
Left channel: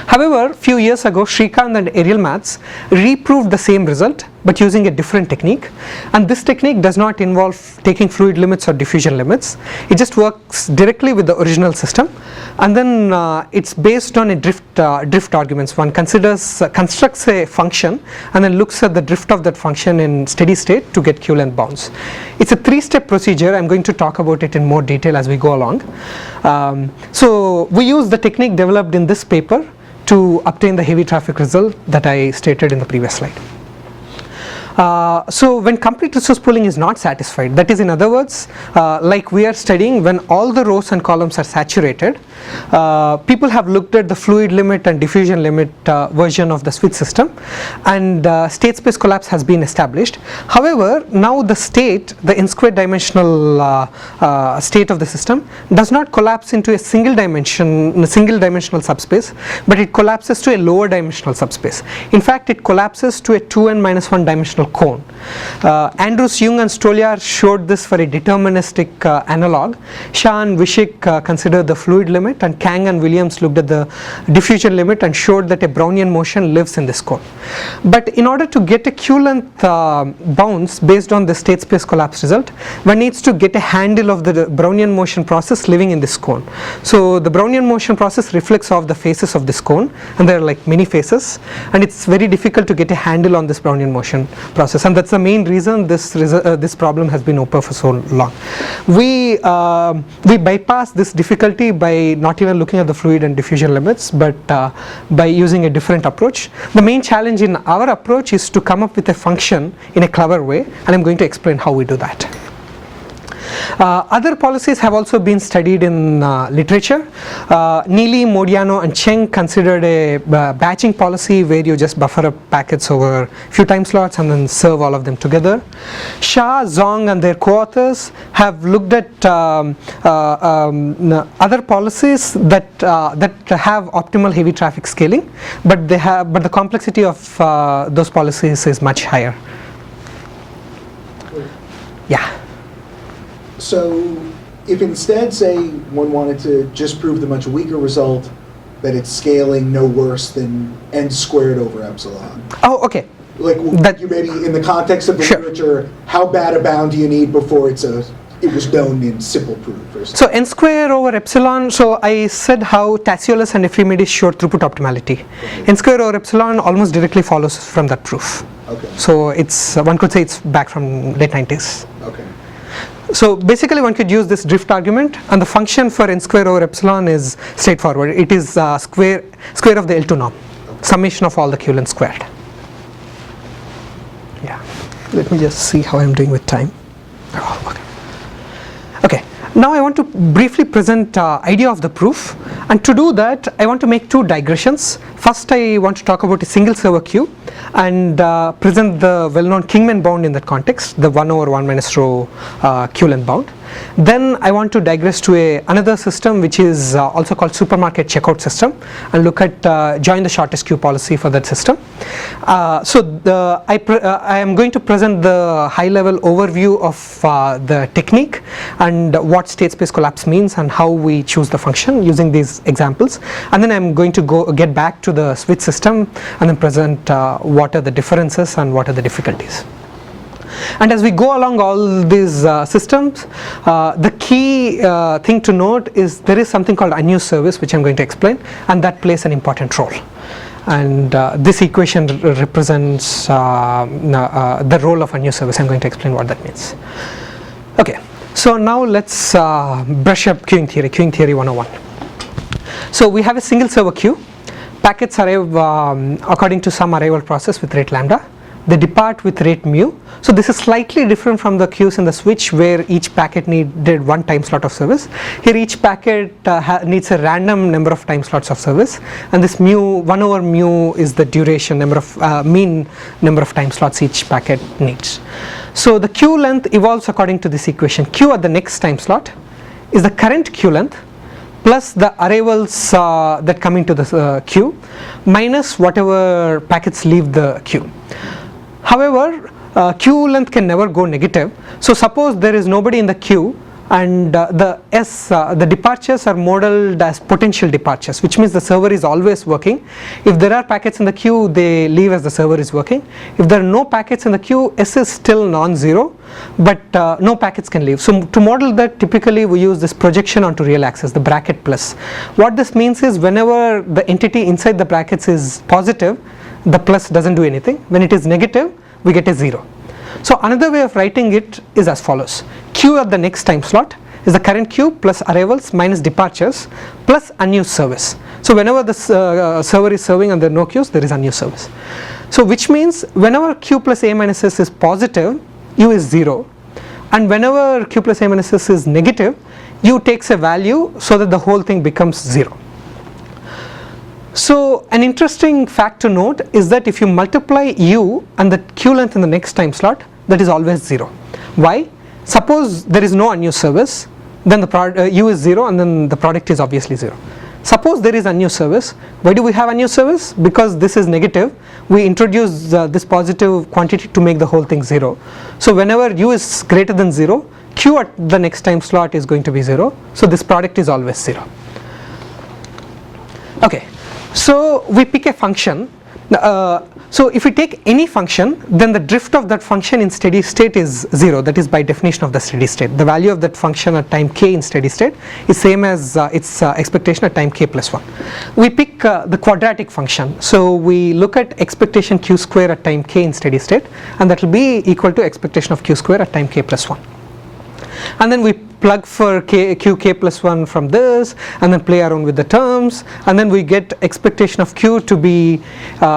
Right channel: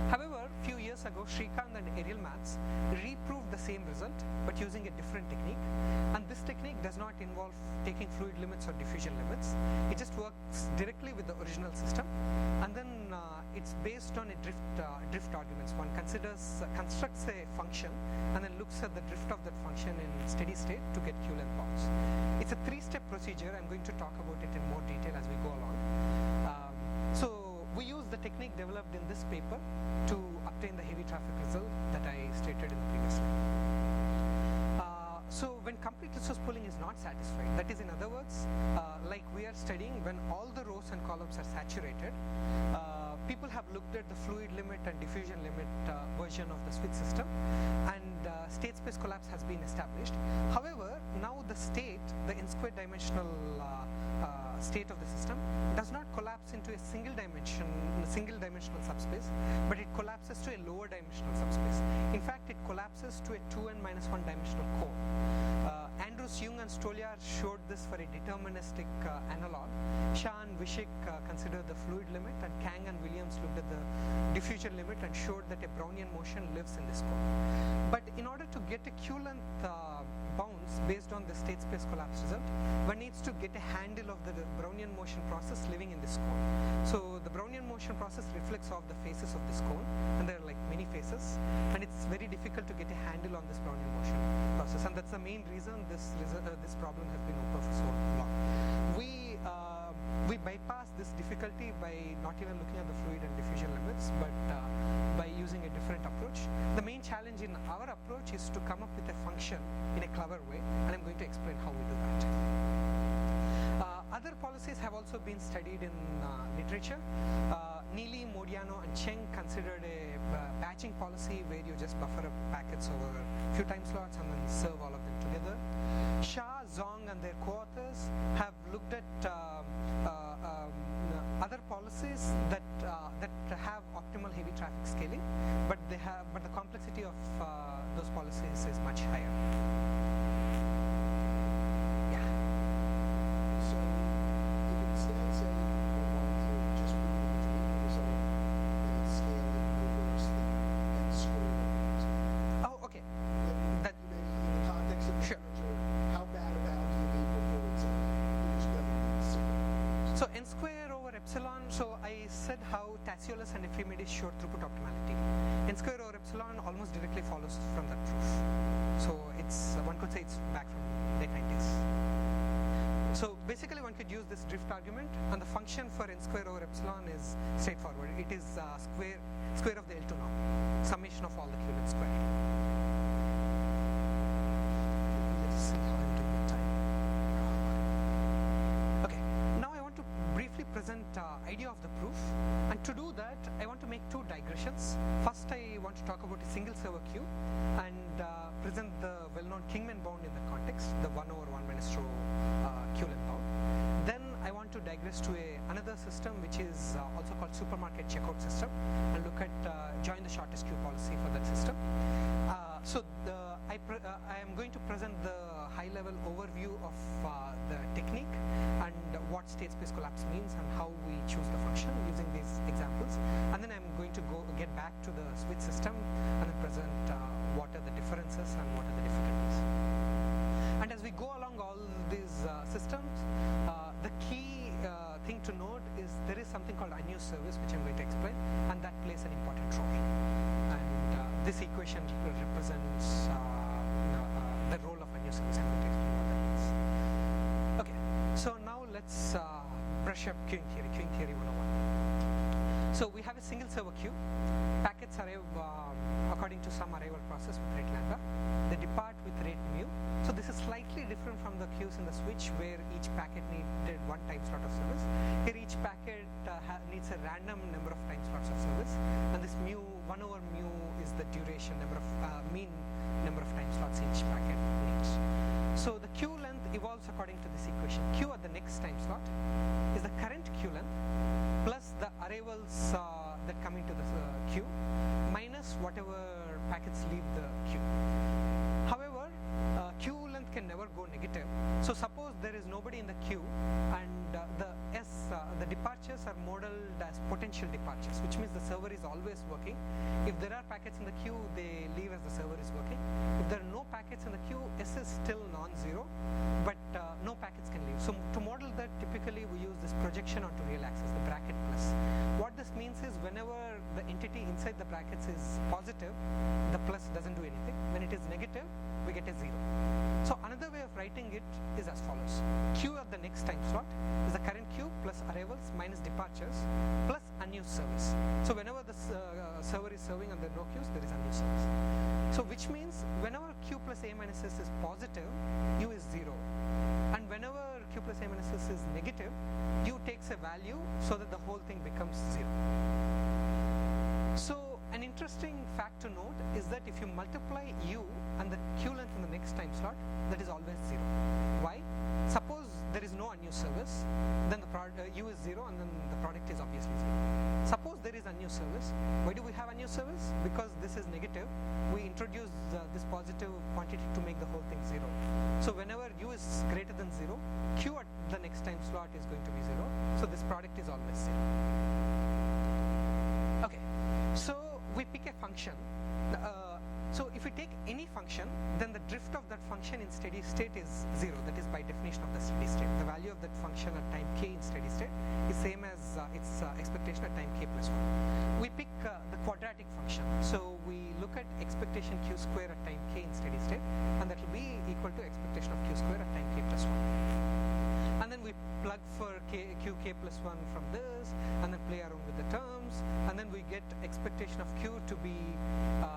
However, few years ago, Srikanth and Ariel Matz reproved the same result but using a different technique, and this technique does not involve taking fluid limits or diffusion limits. It just works directly with the original system, and then it's based on a drift arguments. One constructs a function and then looks at the drift of that function in steady state to get queue length bounds. It's a three-step procedure. I'm going to talk about it in more detail as we go along. So we use the technique developed in this paper to obtain the heavy traffic result that I stated in the previous slide. So when complete resource pooling is not satisfied, that is, in other words, like we are studying, when all the rows and columns are saturated, people have looked at the fluid limit and diffusion limit version of the switch system, and state space collapse has been established. However, now the state, the n square dimensional state of the system, does not collapse into a single dimensional subspace, but it collapses to a lower dimensional subspace. In fact, it collapses to a 2n-1 dimensional cone. Andrews, Jung and Stoliar showed this for a deterministic analog. Shah and Vishik considered the fluid limit, and Kang and Williams looked at the diffusion limit and showed that a Brownian motion lives in this cone. But in order to get a queue length bounds based on the state space collapse result, one needs to get a handle of the Brownian motion process living in this cone. So the Brownian motion process reflects off the faces of this cone, and there are like many faces, and it's very difficult to get a handle on this Brownian motion process, and that's the main reason this problem has been open for so long. We bypass this difficulty by not even looking at the fluid and diffusion limits, but by using a different approach. The main challenge in our approach is to come up with a function in a clever way, and I'm going to explain how we do that. Other policies have also been studied in literature. Neely, Modiano and Cheng considered a batching policy where you just buffer up packets over a few time slots and then serve all of them together. Shah, Zhang and their co-authors have looked at other policies that have optimal heavy traffic scaling, but the complexity of those policies is much higher. Yeah. So if instead, say, one wanted to just prove the much weaker result, that it's scaling no worse than n squared over epsilon. Oh, okay. Like you maybe in the context of the literature, how bad a bound do you need before it was known in simple proof? So n square over epsilon, so I said how Tassiolis and Ephremidis showed throughput optimality. Okay. N square over epsilon almost directly follows from that proof. Okay. So it's one could say it's back from late 90s. Okay. So basically one could use this drift argument, and the function for n square over epsilon is straightforward. It is square of the L2 norm, summation of all the queue length squared. Yeah. Let me just see how I'm doing with time. Oh, okay. Okay. Now I want to briefly present idea of the proof, and to do that I want to make two digressions. First I want to talk about a single server queue and present the well-known Kingman bound in that context, the 1 over 1 minus rho queue length bound. Then I want to digress to another system which is also called supermarket checkout system, and look at join the shortest queue policy for that system. I am going to present the high level overview of the technique and what state space collapse means and how we choose the function using these examples, and then I'm going to get back to the switch system and then present what are the differences and what are the difficulties. And as we go along all these systems, the key thing to note is there is something called unused service, which I'm going to explain, and that plays an important role. and this equation represents the role of a new service. I'm going to explain what that means. Okay, so now let's brush up queuing theory 101. So we have a single server queue. Packets arrive according to some arrival process with rate lambda. They depart with rate mu. So this is slightly different from the queues in the switch where each packet needed one time slot of service. Here each packet needs a random number of time slots of service, and this mu 1 over mu is the duration mean number of time slots each packet needs. So the queue length evolves according to this equation. Q at the next time slot is the current queue length plus the arrivals that come into the queue minus whatever packets leave the queue. However, queue length can never go negative. So suppose there is nobody in the queue and the departures are modeled as potential departures, which means the server is always working. If there are packets in the queue, they leave as the server is working. If there are no packets in the queue, S is still non-zero, but no packets can leave. So to model that, typically we use this projection onto real axis, the bracket plus. What this means is whenever the entity inside the brackets is positive, the plus doesn't do anything. When it is negative, we get a 0. So another way of writing it is as follows. Q at the next time slot is the current queue plus arrivals minus departures plus unused service. So whenever the server is serving and there are no queues, there is unused service. So which means whenever Q plus A minus S is positive, U is 0, and whenever Q plus A minus S is negative, U takes a value so that the whole thing becomes 0. So an interesting fact to note is that if you multiply U and the queue length in the next time slot, that is always 0. Why? Suppose there is no unused service, then the U is 0 and then the product is obviously 0. Suppose there is unused service. Why do we have unused service? Because this is negative. We introduce this positive quantity to make the whole thing 0. So whenever U is greater than 0, Q at the next time slot is going to be 0. So this product is always 0. Okay. So we pick a function. So if we take any function, then the drift of that function in steady state is 0. That is by definition of the steady state. The value of that function at time k in steady state is same as its expectation at time k plus 1. We pick the quadratic function. So we look at expectation q square at time k in steady state, and that will be equal to expectation of q square at time k plus 1. And then we plug for qk plus 1 from this, and then play around with the terms, and then we get expectation of q to be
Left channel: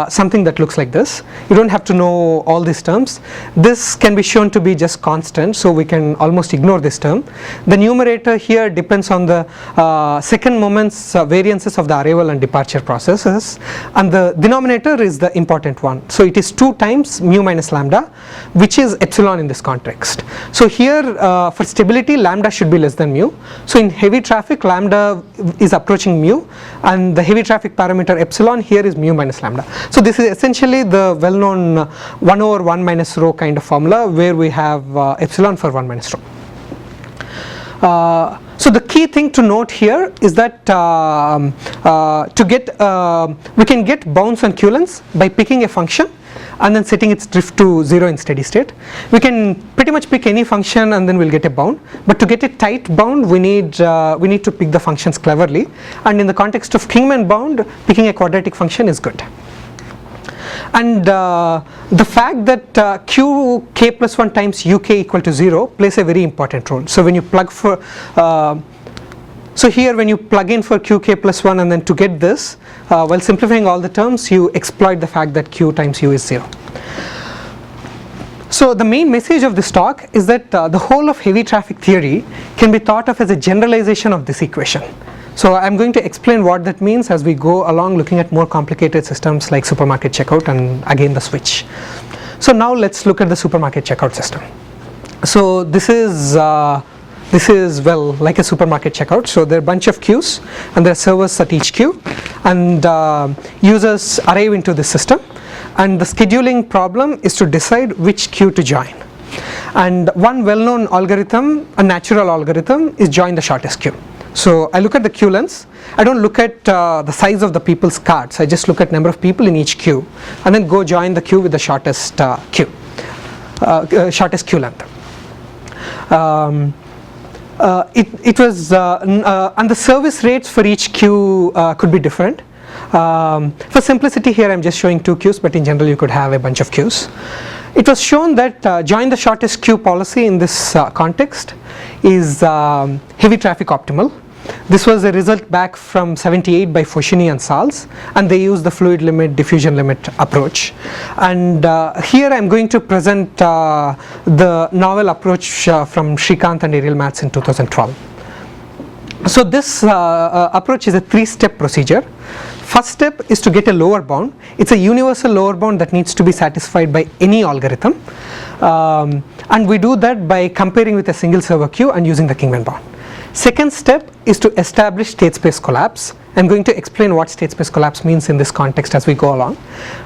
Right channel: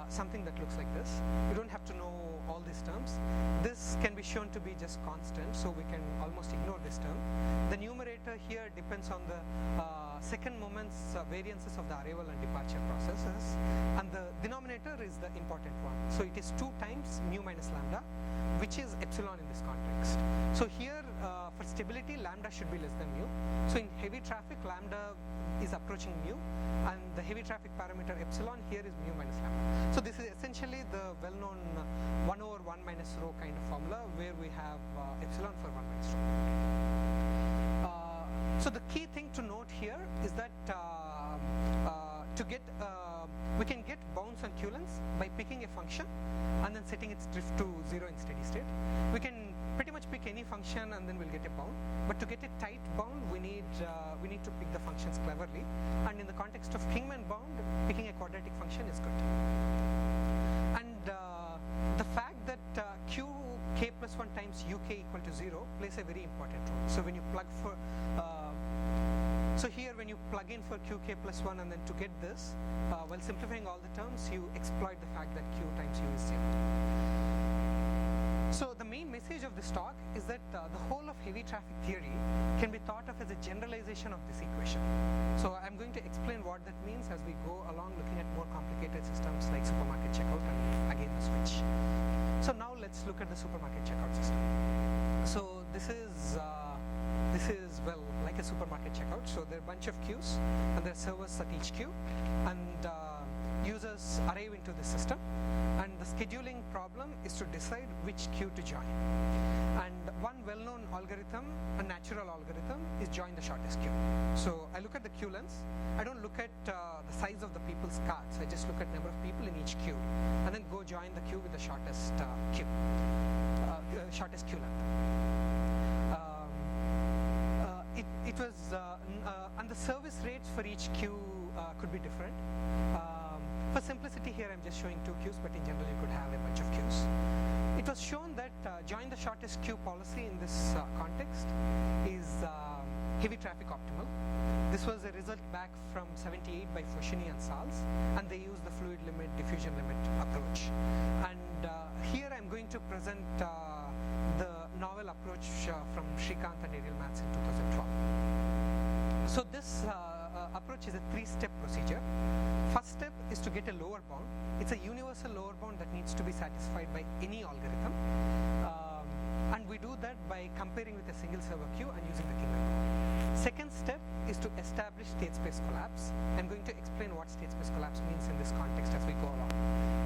something that looks like this. You don't have to know all these terms. This can be shown to be just constant, so we can almost ignore this term. The numerator here depends on the second moment's variances of the arrival and departure processes, and the denominator is the important one. So it is 2 times mu minus lambda, which is epsilon in this context. So here for stability, lambda should be less than mu. So in heavy traffic, lambda is approaching mu, and the heavy traffic parameter epsilon here is mu minus lambda. So this is essentially the well-known 1 over 1 minus rho kind of formula, where we have epsilon for 1 minus rho. So the key thing to note here is that we can get bounds on q lengths by picking a function and then setting its drift to 0 in steady state. We can pretty much pick any function and then we'll get a bound, but to get a tight bound we need to pick the functions cleverly, and in the context of Kingman bound, picking a quadratic function is good. And the fact that qk plus 1 times uk equal to 0 plays a very important role. So when you plug for so here when you plug in for qk plus 1 and then to get this, while simplifying all the terms, you exploit the fact that q times u is 0. So the main message of this talk is that the whole of heavy traffic theory can be thought of as a generalization of this equation. So I'm going to explain what that means as we go along, looking at more complicated systems like supermarket checkout and again the switch. So now let's look at the supermarket checkout system. So this is well like a supermarket checkout. So there are a bunch of queues and there are servers at each queue, and users arrive into the system, and the scheduling problem is to decide which queue to join. And one well-known algorithm, a natural algorithm, is join the shortest queue. So I look at the queue lengths. I don't look at the size of the people's carts. I just look at number of people in each queue, and then go join the queue with the shortest shortest queue length. And the service rates for each queue could be different. For simplicity here I'm just showing 2 queues, but in general you could have a bunch of queues. It was shown that join the shortest queue policy in this context is heavy traffic optimal. This was a result back from 78 by Foschini and Sals, and they used the fluid limit diffusion limit approach. And here I'm going to present the novel approach from Srikanth and Ariel Matz in 2012. So this approach is a 3-step procedure. First step is to get a lower bound. It's a universal lower bound that needs to be satisfied by any algorithm, and we do that by comparing with a single server queue and using the Kingman bound. Second step is to establish state space collapse. I'm going to explain what state space collapse means in this context as we go along.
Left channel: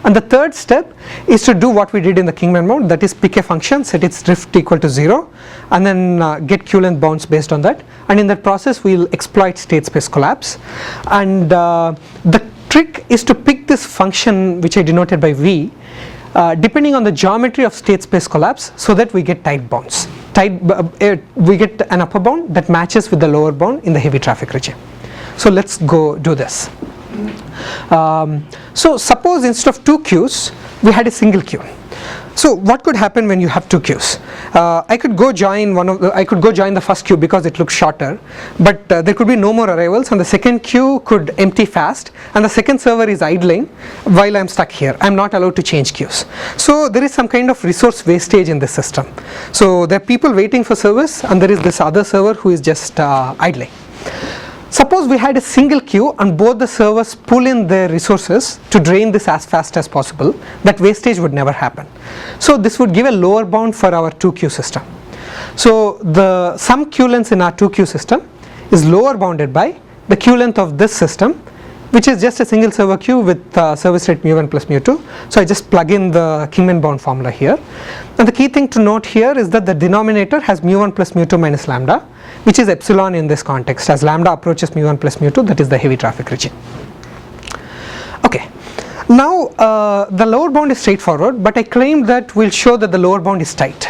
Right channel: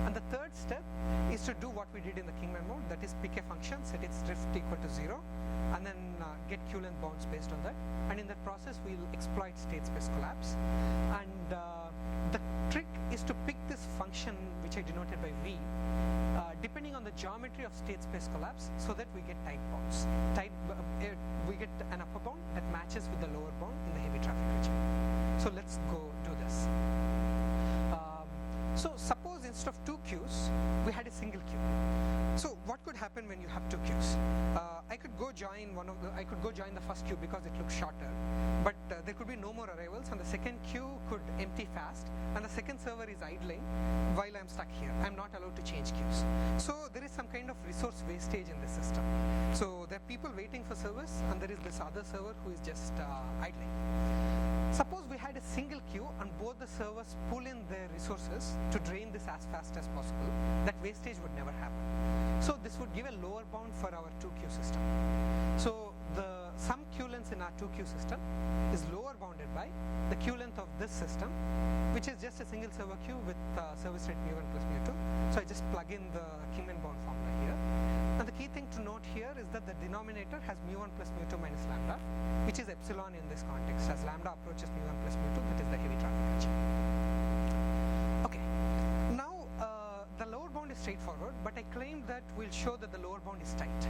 And the third step is to do what we did in the Kingman bound, that is pick a function, set its drift equal to 0, and then get Q-length bounds based on that. And in that process we'll exploit state space collapse. And the trick is to pick this function which I denoted by V depending on the geometry of state space collapse, so that we get tight bounds. We get an upper bound that matches with the lower bound in the heavy traffic regime. So let's go do this. So suppose instead of 2 queues we had a single queue. So what could happen when you have 2 queues? I could go join the first queue because it looks shorter, but there could be no more arrivals, and the second queue could empty fast, and the second server is idling while I'm stuck here. I'm not allowed to change queues. So there is some kind of resource wastage in this system. So there are people waiting for service, and there is this other server who is just idling. Suppose we had a single queue and both the servers pull in their resources to drain this as fast as possible. That wastage would never happen. So this would give a lower bound for our 2 queue system. So the sum queue length in our 2 queue system is lower bounded by the queue length of this system, which is just a single server queue with service rate mu1 plus mu2. So I just plug in the Kingman bound formula here. And the key thing to note here is that the denominator has mu1 plus mu2 minus lambda, which is epsilon in this context. As lambda approaches mu1 plus mu2, that is the heavy traffic regime. Okay, now the lower bound is straightforward, but I claimed that we'll show that the lower bound is tight.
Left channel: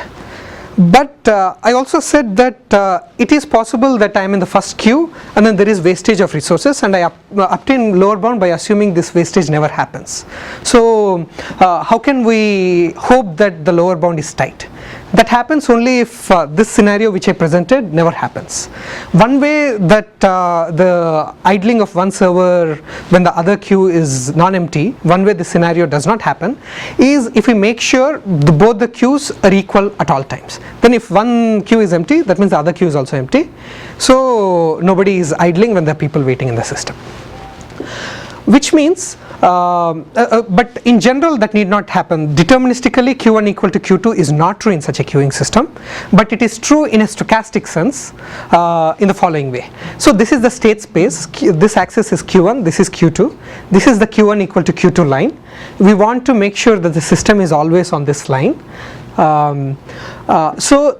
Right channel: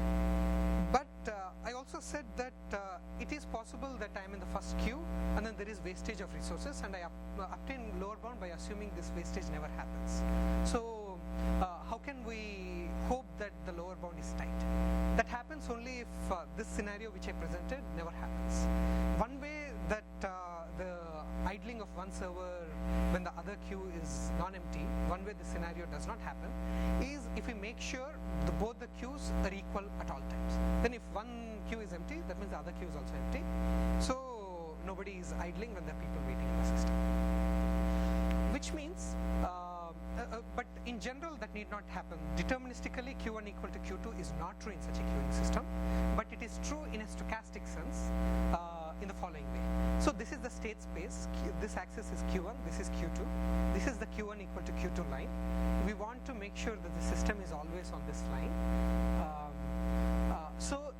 But I also said that it is possible that I am in the first queue and then there is wastage of resources, and I obtain lower bound by assuming this wastage never happens. So how can we hope that the lower bound is tight? That happens only if this scenario which I presented never happens. One way that the idling of one server when the other queue is non-empty, one way this scenario does not happen is if we make sure both the queues are equal at all times. Then if one queue is empty, that means the other queue is also empty. So nobody is idling when there are people waiting in the system. Which means but in general that need not happen. Deterministically Q1 equal to Q2 is not true in such a queuing system, but it is true in a stochastic sense in the following way. So this is the state space, this axis is Q1, this is Q2, this is the Q1 equal to Q2 line. We want to make sure that the system is always on this line. So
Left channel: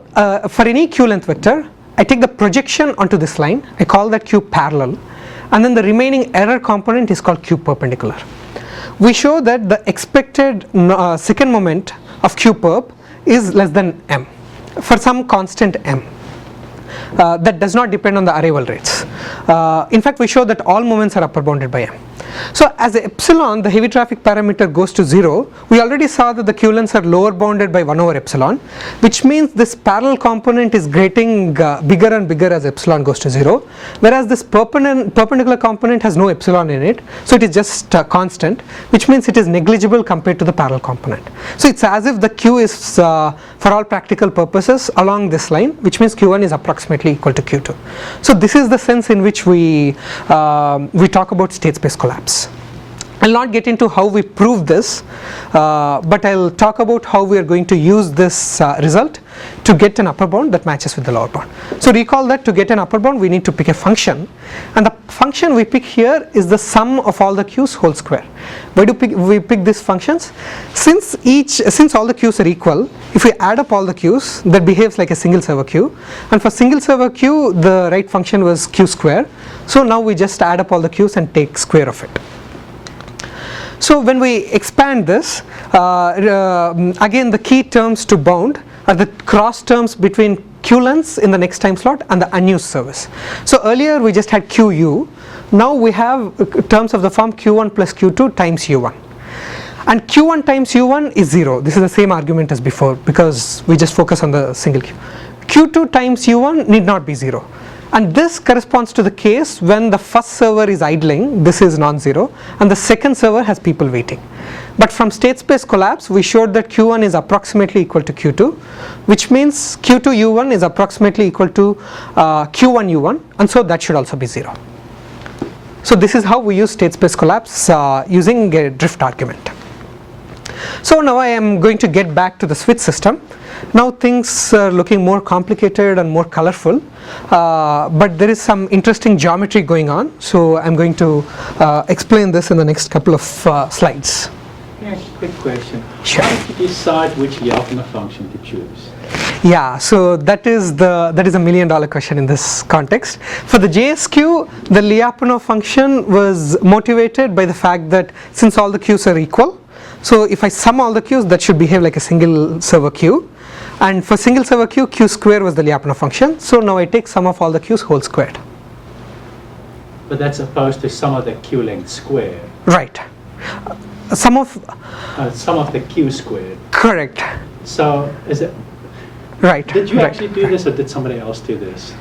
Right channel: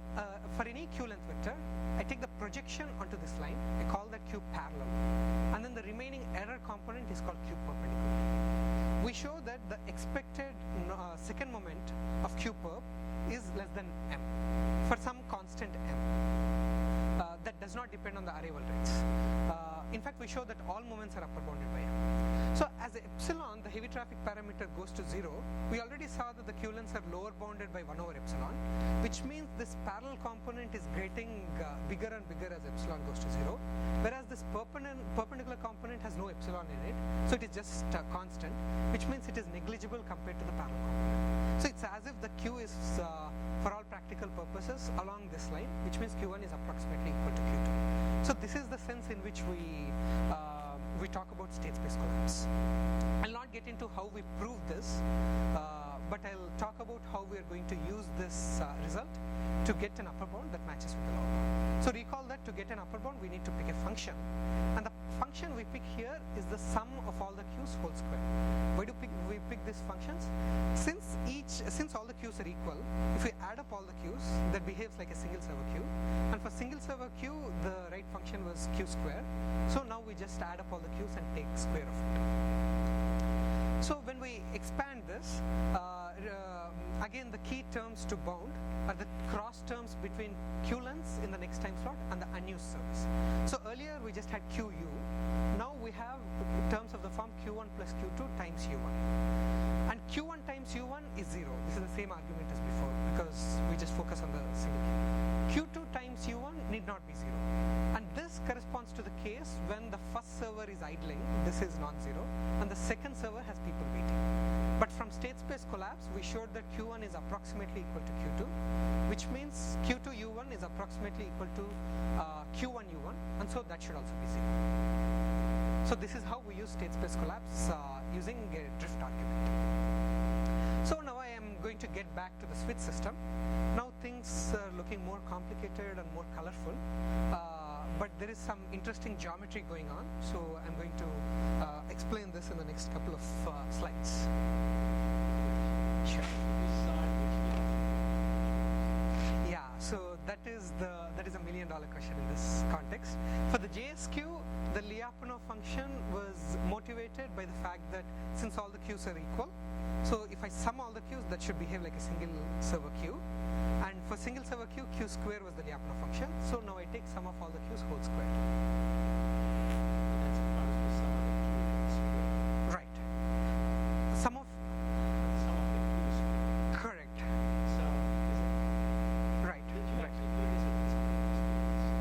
for any Q length vector, I take the projection onto this line, I call that Q parallel, and then the remaining error component is called Q perpendicular. We show that the expected second moment of Q perp is less than m for some constant m that does not depend on the arrival rates. In fact, we show that all moments are upper bounded by m. So as the epsilon, the heavy traffic parameter, goes to 0, we already saw that the Q lengths are lower bounded by 1 over epsilon, which means this parallel component is getting bigger and bigger as epsilon goes to 0, whereas this perpendicular component has no epsilon in it, so it is just constant, which means it is negligible compared to the parallel component. So it's as if the Q is for all practical purposes along this line, which means Q1 is approximately equal to Q2. So this is the sense in which we talk about state space collapse. I'll not get into how we prove this, but I'll talk about how we are going to use this result to get an upper bound that matches with the lower bound. So recall that to get an upper bound we need to pick a function, and the function we pick here is the sum of all the queues whole square. Why do we pick these functions? Since all the queues are equal, if we add up all the queues, that behaves like a single server queue, and for single server queue the right function was q square. So now we just add up all the queues and take square of it. So when we expand this, again the key terms to bound are the cross terms between queue lengths in the next time slot and the unused service. So earlier we just had QU. Now we have terms of the form Q1 plus Q2 times U1. And Q1 times U1 is 0. This is the same argument as before because we just focus on the single queue. Q2 times U1 need not be 0. And this corresponds to the case when the first server is idling, this is non-zero, and the second server has people waiting. But from state space collapse, we showed that Q1 is approximately equal to Q2, which means Q2 U1 is approximately equal to Q1 U1, and so that should also be 0. So this is how we use state space collapse using a drift argument. So now I am going to get back to the switch system. Now things are looking more complicated and more colorful, but there is some interesting geometry going on, so I'm going to explain this in the next couple of slides. Yeah, quick question. Sure. How did you decide which Lyapunov function to choose? Yeah, so that is a $1 million question in this context. For the JSQ, the Lyapunov function was motivated by the fact that since all the queues are equal, so if I sum all the queues, that should behave like a single server queue. And for single server queue, q square was the Lyapunov function. So now I take sum of all the queues whole squared. But that's opposed to sum of the queue length squared. Right. Sum of the queue squared. Correct. So is it? Right. Did you right. actually do this, or did somebody else do this?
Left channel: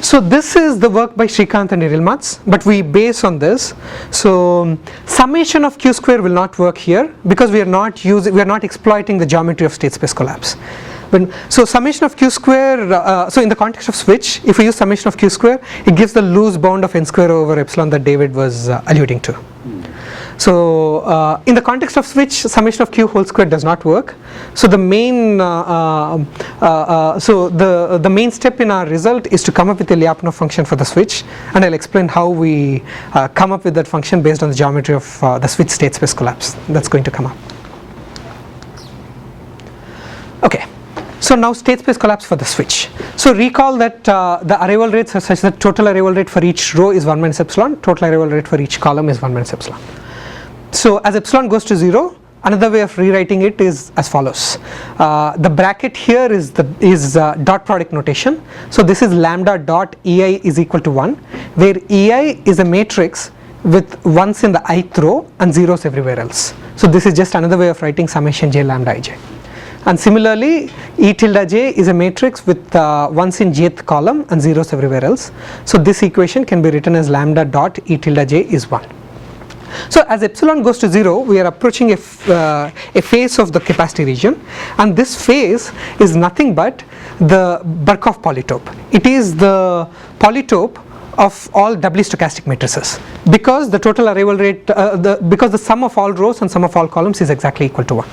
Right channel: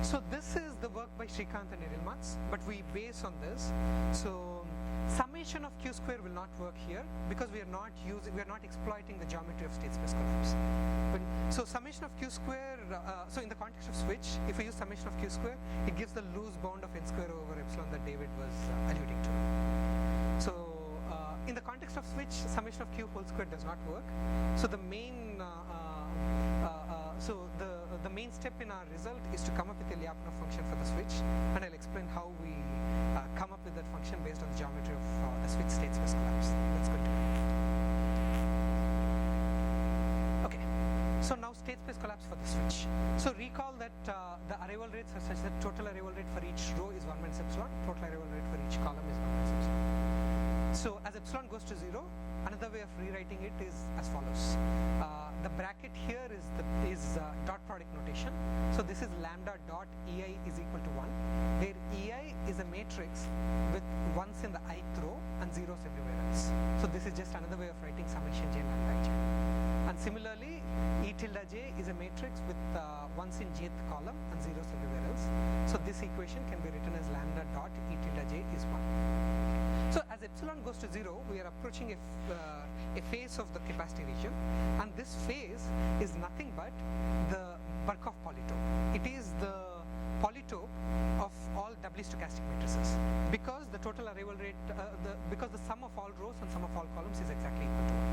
So this is the work by Srikanth and Irilmaz, but we base on this. So summation of q square will not work here because we are not exploiting the geometry of state space collapse. So summation of q square, so in the context of switch, if we use summation of q square, it gives the loose bound of n square over epsilon that David was alluding to. So in the context of switch, summation of q whole square does not work. So the main the main step in our result is to come up with a Lyapunov function for the switch, and I'll explain how we come up with that function based on the geometry of the switch state space collapse. That's going to come up. Okay. So now state space collapse for the switch. So recall that the arrival rates are such that total arrival rate for each row is 1 minus epsilon, total arrival rate for each column is 1 minus epsilon. So as epsilon goes to 0, another way of rewriting it is as follows. The bracket here is dot product notation. So this is lambda dot ei is equal to 1, where ei is a matrix with ones in the ith row and zeros everywhere else. So this is just another way of writing summation j lambda ij. And similarly, E tilde j is a matrix with ones in jth column and zeros everywhere else. So this equation can be written as lambda dot E tilde j is 1. So as epsilon goes to 0, we are approaching a phase of the capacity region, and this phase is nothing but the Birkhoff polytope. It is the polytope of all doubly stochastic matrices because the total arrival rate, because the sum of all rows and sum of all columns is exactly equal to 1.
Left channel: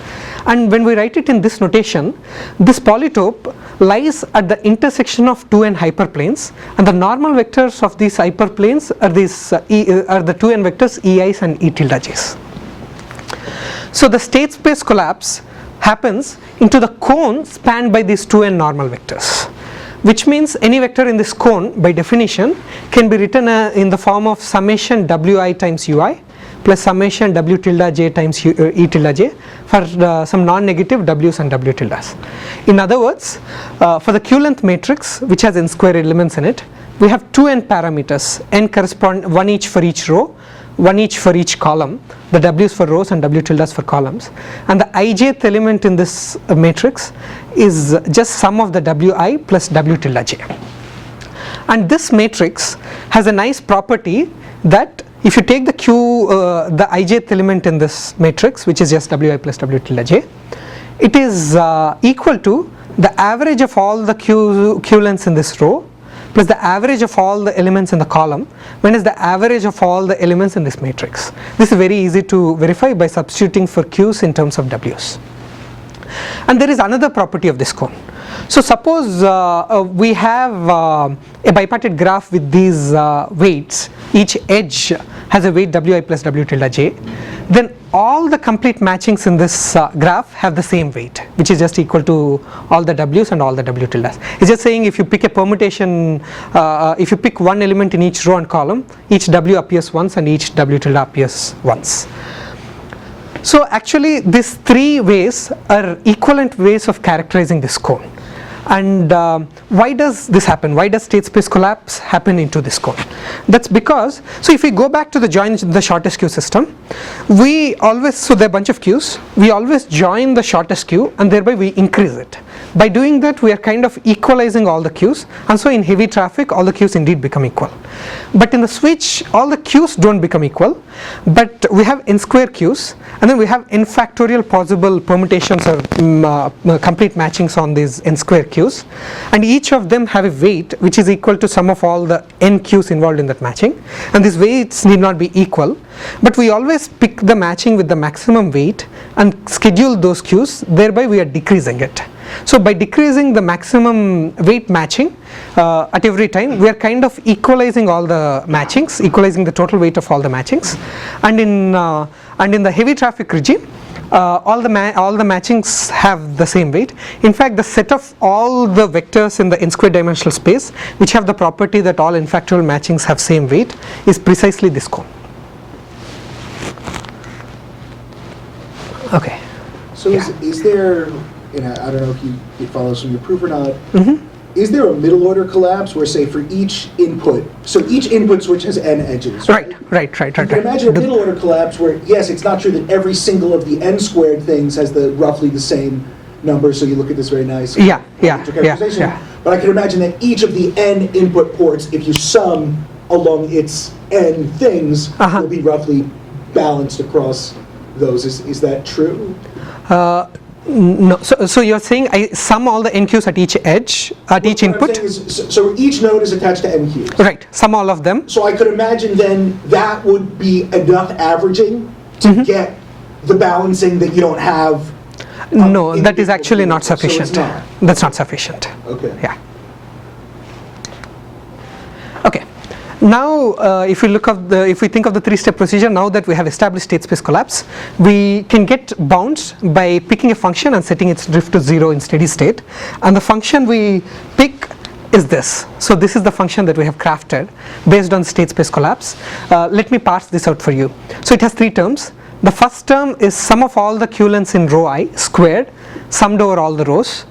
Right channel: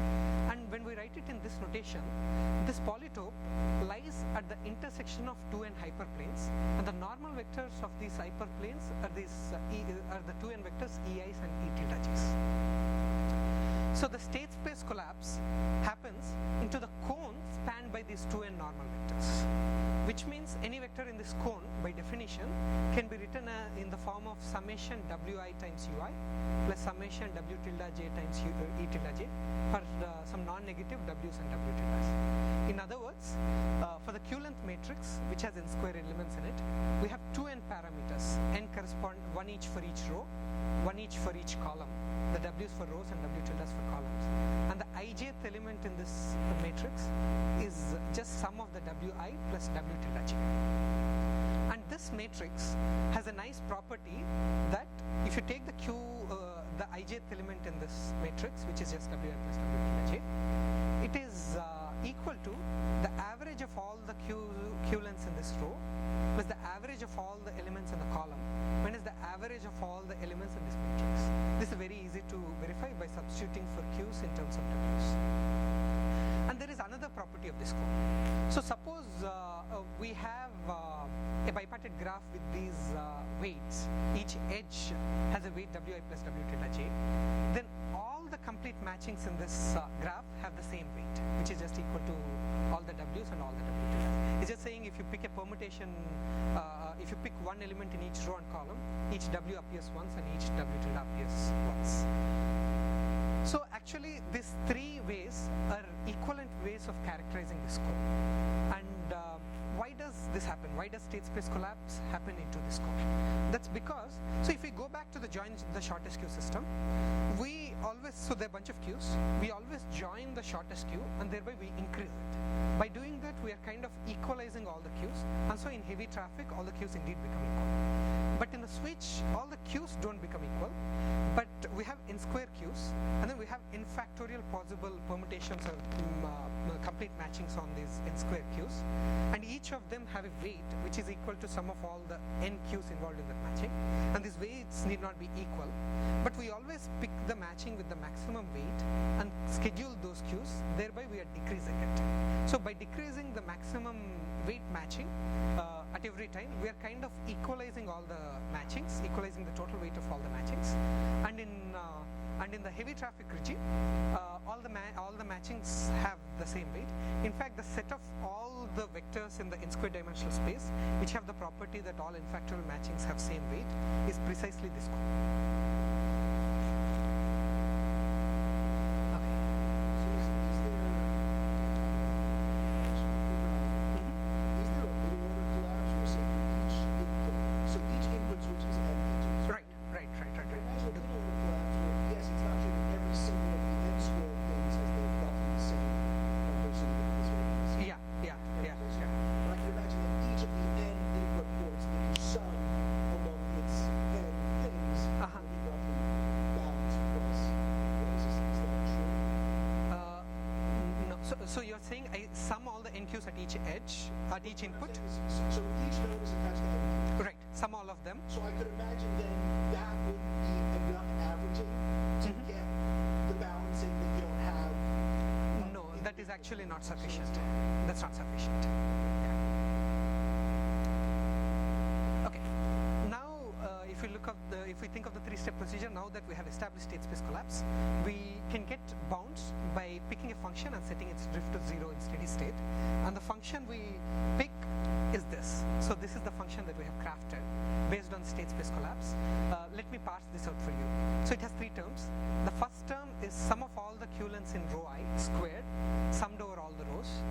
And when we write it in this notation, this polytope lies at the intersection of 2n hyperplanes, and the normal vectors of these hyperplanes are the 2n vectors ei's and E tilde j's. So the state space collapse happens into the cone spanned by these 2n normal vectors, which means any vector in this cone by definition can be written in the form of summation wi times ui plus summation w tilde j times E tilde j for some non-negative w's and w tildes. In other words, for the q length matrix, which has n square elements in it, we have 2n parameters, n correspond one each for each row, one each for each column, the w's for rows and w tildes for columns, and the ijth element in this matrix is just sum of the wi plus w tilde j. And this matrix has a nice property that if you take the the ijth element in this matrix, which is just wi plus w tilde j, it is equal to the average of all the q lengths in this row plus the average of all the elements in the column minus the average of all the elements in this matrix. This is very easy to verify by substituting for q's in terms of w's. And there is another property of this cone. So suppose we have a bipartite graph with these weights, each edge has a weight wi plus w tilde j, then all the complete matchings in this graph have the same weight, which is just equal to all the w's and all the w tildes. It's just saying if you pick a permutation, if you pick one element in each row and column, each w appears once and each w tilde appears once. So actually these three ways are equivalent ways of characterizing this cone. And why does this happen? Why does state space collapse happen into this cone? That's because, so if we go back to the join the shortest queue system, we always, so there are a bunch of queues, we always join the shortest queue and thereby we increase it. By doing that, we are kind of equalizing all the queues, and so in heavy traffic all the queues indeed become equal. But in the switch, all the queues don't become equal, but we have n square queues, and then we have n factorial possible permutations or complete matchings on these n square queues, and each of them have a weight which is equal to sum of all the n queues involved in that matching, and these weights need not be equal, but we always pick the matching with the maximum weight and schedule those queues, thereby we are decreasing it. So by decreasing the maximum weight matching at every time, we are kind of equalizing all the matchings, equalizing the total weight of all the matchings, and in the heavy traffic regime, all the matchings have the same weight. In fact, the set of all the vectors in the n square dimensional space which have the property that all n factorial matchings have same weight is precisely this cone. Okay. So is there, I don't know if it follows from your proof or not, is there a middle order collapse where, say, for each input, so each input switch has n edges, right? Right. You can imagine a middle order collapse where, yes, it's not true that every single of the n squared things has roughly the same number, so you look at this very nice characterization. But I can imagine that each of the n input ports, if you sum along its n things, will be roughly balanced across those. Is that true? No, so you're saying I sum all the n queues at each edge, at each input? So each node is attached to n queues. Right, sum all of them. So I could imagine then that would be enough averaging to get the balancing that you don't have. No, that is actually not sufficient. So it's not. That's not sufficient. Okay. Yeah. Okay. Now, if we think of the three-step procedure, now that we have established state space collapse, we can get bounds by picking a function and setting its drift to 0 in steady state. And the function we pick is this. So this is the function that we have crafted based on state space collapse. Let me parse this out for you. So it has three terms. The first term is sum of all the q lengths in row I squared, summed over all the rows.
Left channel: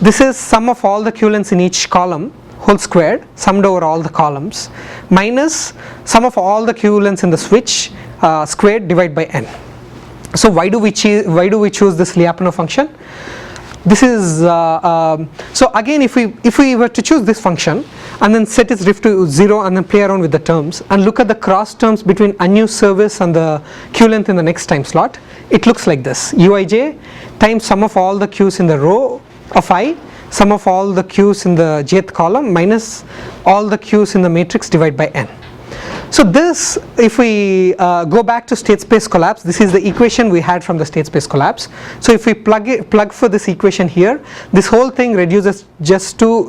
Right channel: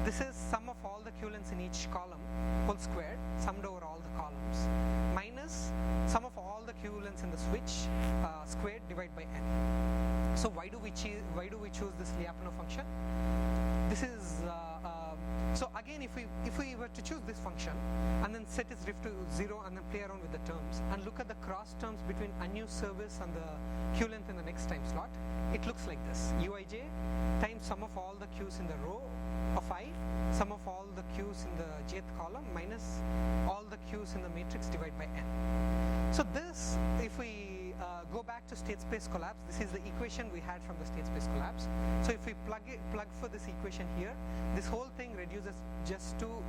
This is sum of all the q lengths in each column whole squared, summed over all the columns, minus sum of all the q lengths in the switch squared divided by n. So why do we choose this Lyapunov function? This is so again, if we were to choose this function and then set its drift to 0 and then play around with the terms and look at the cross terms between unused service and the q length in the next time slot, it looks like this: uij times sum of all the queues in the row of I, sum of all the queues in the jth column minus all the queues in the matrix divided by n. So this, if we go back to state space collapse, this is the equation we had from the state space collapse. So if we plug for this equation here, this whole thing reduces just to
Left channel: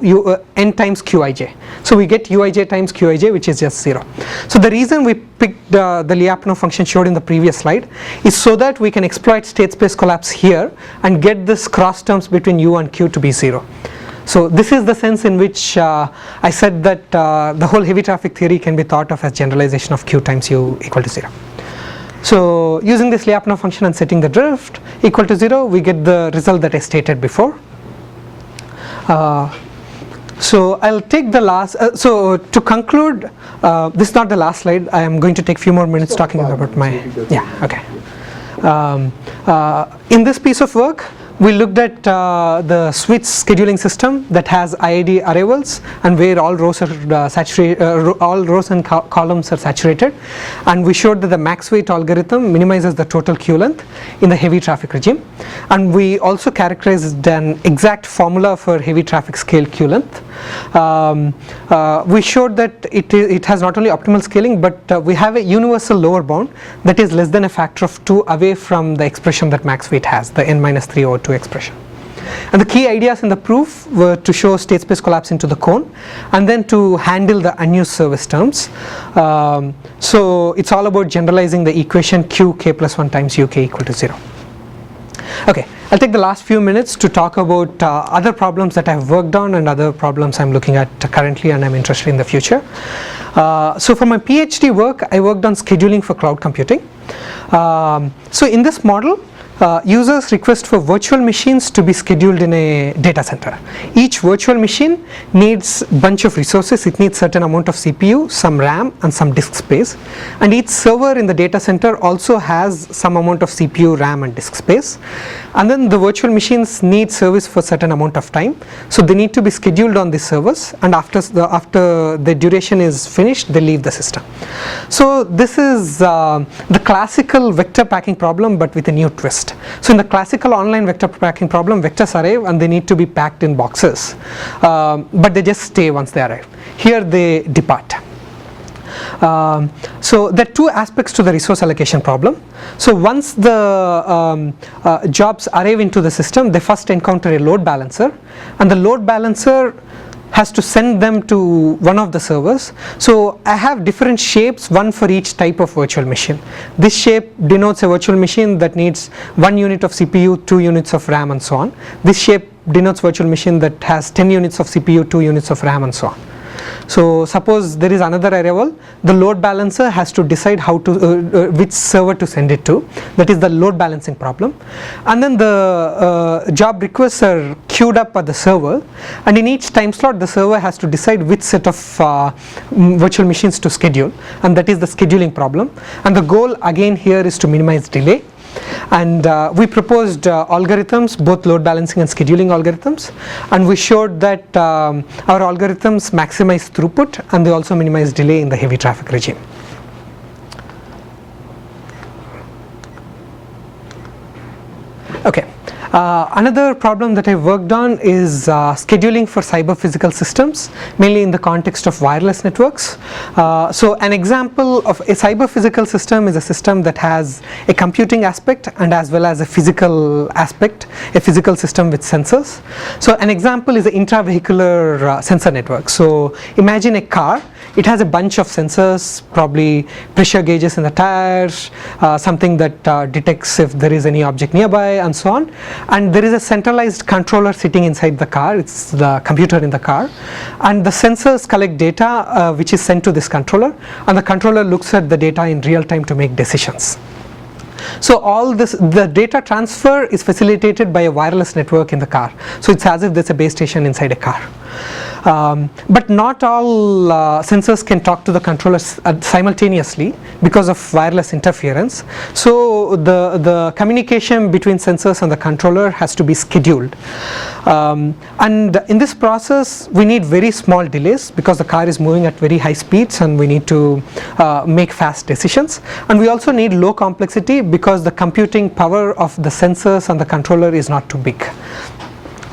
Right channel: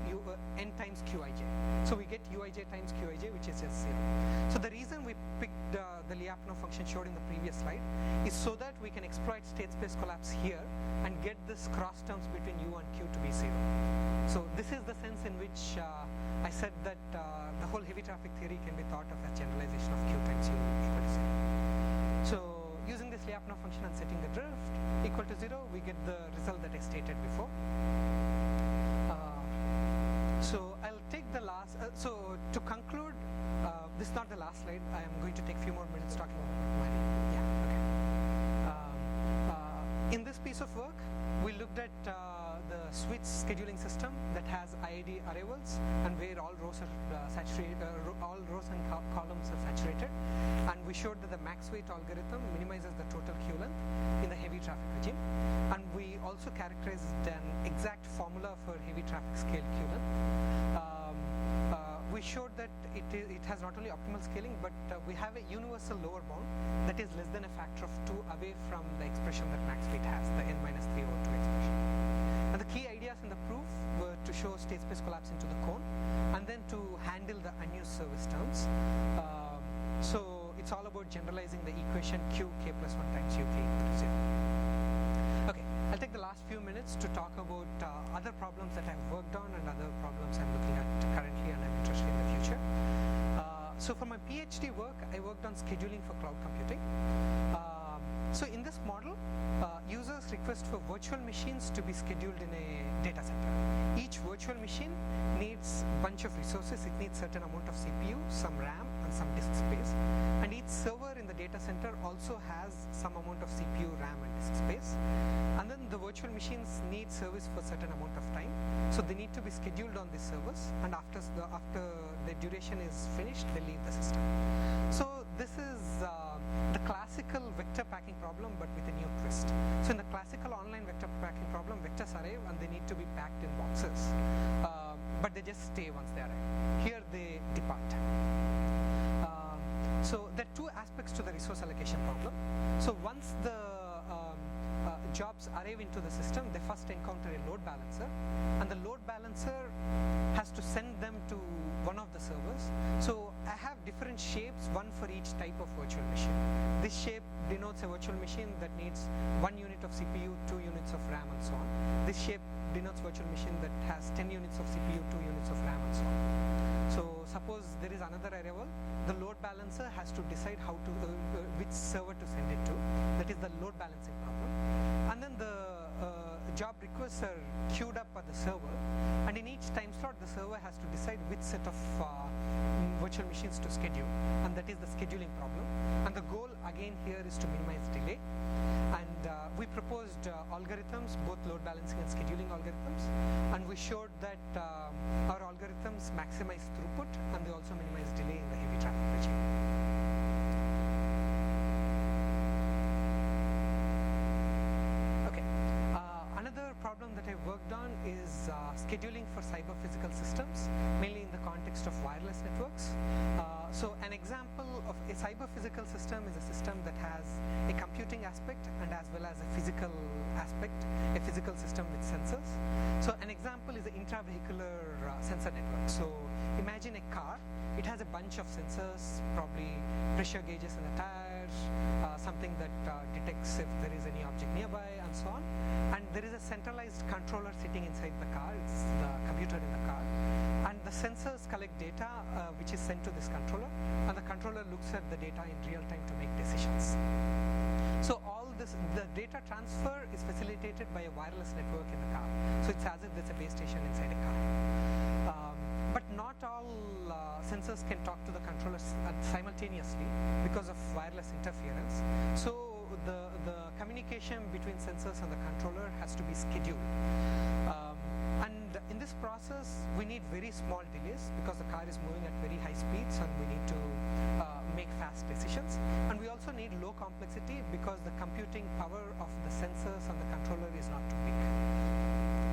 n times qij. So we get uij times qij, which is just 0. So the reason we picked the Lyapunov function showed in the previous slide is so that we can exploit state space collapse here and get this cross terms between u and q to be 0. So this is the sense in which I said that the whole heavy traffic theory can be thought of as generalization of q times u equal to 0. So using this Lyapunov function and setting the drift equal to 0, we get the result that I stated before. So I'll take the last, so to conclude, this is not the last slide. I am going to take a few more minutes talking about my, okay. In this piece of work, we looked at the switch scheduling system that has IID arrivals and where all rows are saturated, all rows and columns are saturated, and we showed that the max weight algorithm minimizes the total queue length in the heavy traffic regime, and we also characterized an exact formula for heavy traffic scale queue length. We showed that it has not only optimal scaling, but we have a universal lower bound that is less than a factor of 2 away from the expression that max weight has, the n-3 over 2 expression. And the key ideas in the proof were to show state space collapse into the cone and then to handle the unused service terms. So it's all about generalizing the equation q k plus 1 times uk equal to 0. Okay, I'll take the last few minutes to talk about other problems that I've worked on and other problems I'm looking at currently and I'm interested in the future. So for my PhD work, I worked on scheduling for cloud computing. So in this model, users request for virtual machines to be scheduled in a data center. Each virtual machine needs a bunch of resources. It needs certain amount of CPU, some RAM and some disk space, and each server in the data center also has some amount of CPU, RAM and disk space. And then the virtual machines need service for certain amount of time, so they need to be scheduled on these servers, and after the duration is finished, they leave the system. So this is the classical vector packing problem, but with a new twist. So in the classical online vector packing problem, vectors arrive and they need to be packed in boxes, but they just stay once they arrive. Here they depart. So there are two aspects to the resource allocation problem. So once the jobs arrive into the system, they first encounter a load balancer, and the load balancer has to send them to one of the servers. So I have different shapes, one for each type of virtual machine. This shape denotes a virtual machine that needs 1 unit of CPU, 2 units of RAM and so on. This shape denotes virtual machine that has 10 units of CPU, 2 units of RAM and so on. So suppose there is another arrival, the load balancer has to decide how to which server to send it to. That is the load balancing problem. And then the job requests are queued up at the server, and in each time slot the server has to decide which set of virtual machines to schedule, and that is the scheduling problem. And the goal again here is to minimize delay. And we proposed algorithms, both load balancing and scheduling algorithms, and we showed that our algorithms maximize throughput and they also minimize delay in the heavy traffic regime. Okay. Another problem that I worked on is scheduling for cyber physical systems, mainly in the context of wireless networks. So an example of a cyber physical system is a system that has a computing aspect and as well as a physical aspect, a physical system with sensors. So an example is an intravehicular sensor network. So imagine a car. It has a bunch of sensors, probably pressure gauges in the tires, something that detects if there is any object nearby and so on. And there is a centralized controller sitting inside the car. It's the computer in the car, and the sensors collect data which is sent to this controller, and the controller looks at the data in real time to make decisions. So all this, the data transfer is facilitated by a wireless network in the car. So it's as if there's a base station inside a car. But not all sensors can talk to the controllers simultaneously because of wireless interference. So the communication between sensors and the controller has to be scheduled. And in this process we need very small delays because the car is moving at very high speeds and we need to make fast decisions. And we also need low complexity because the computing power of the sensors and the controller is not too big.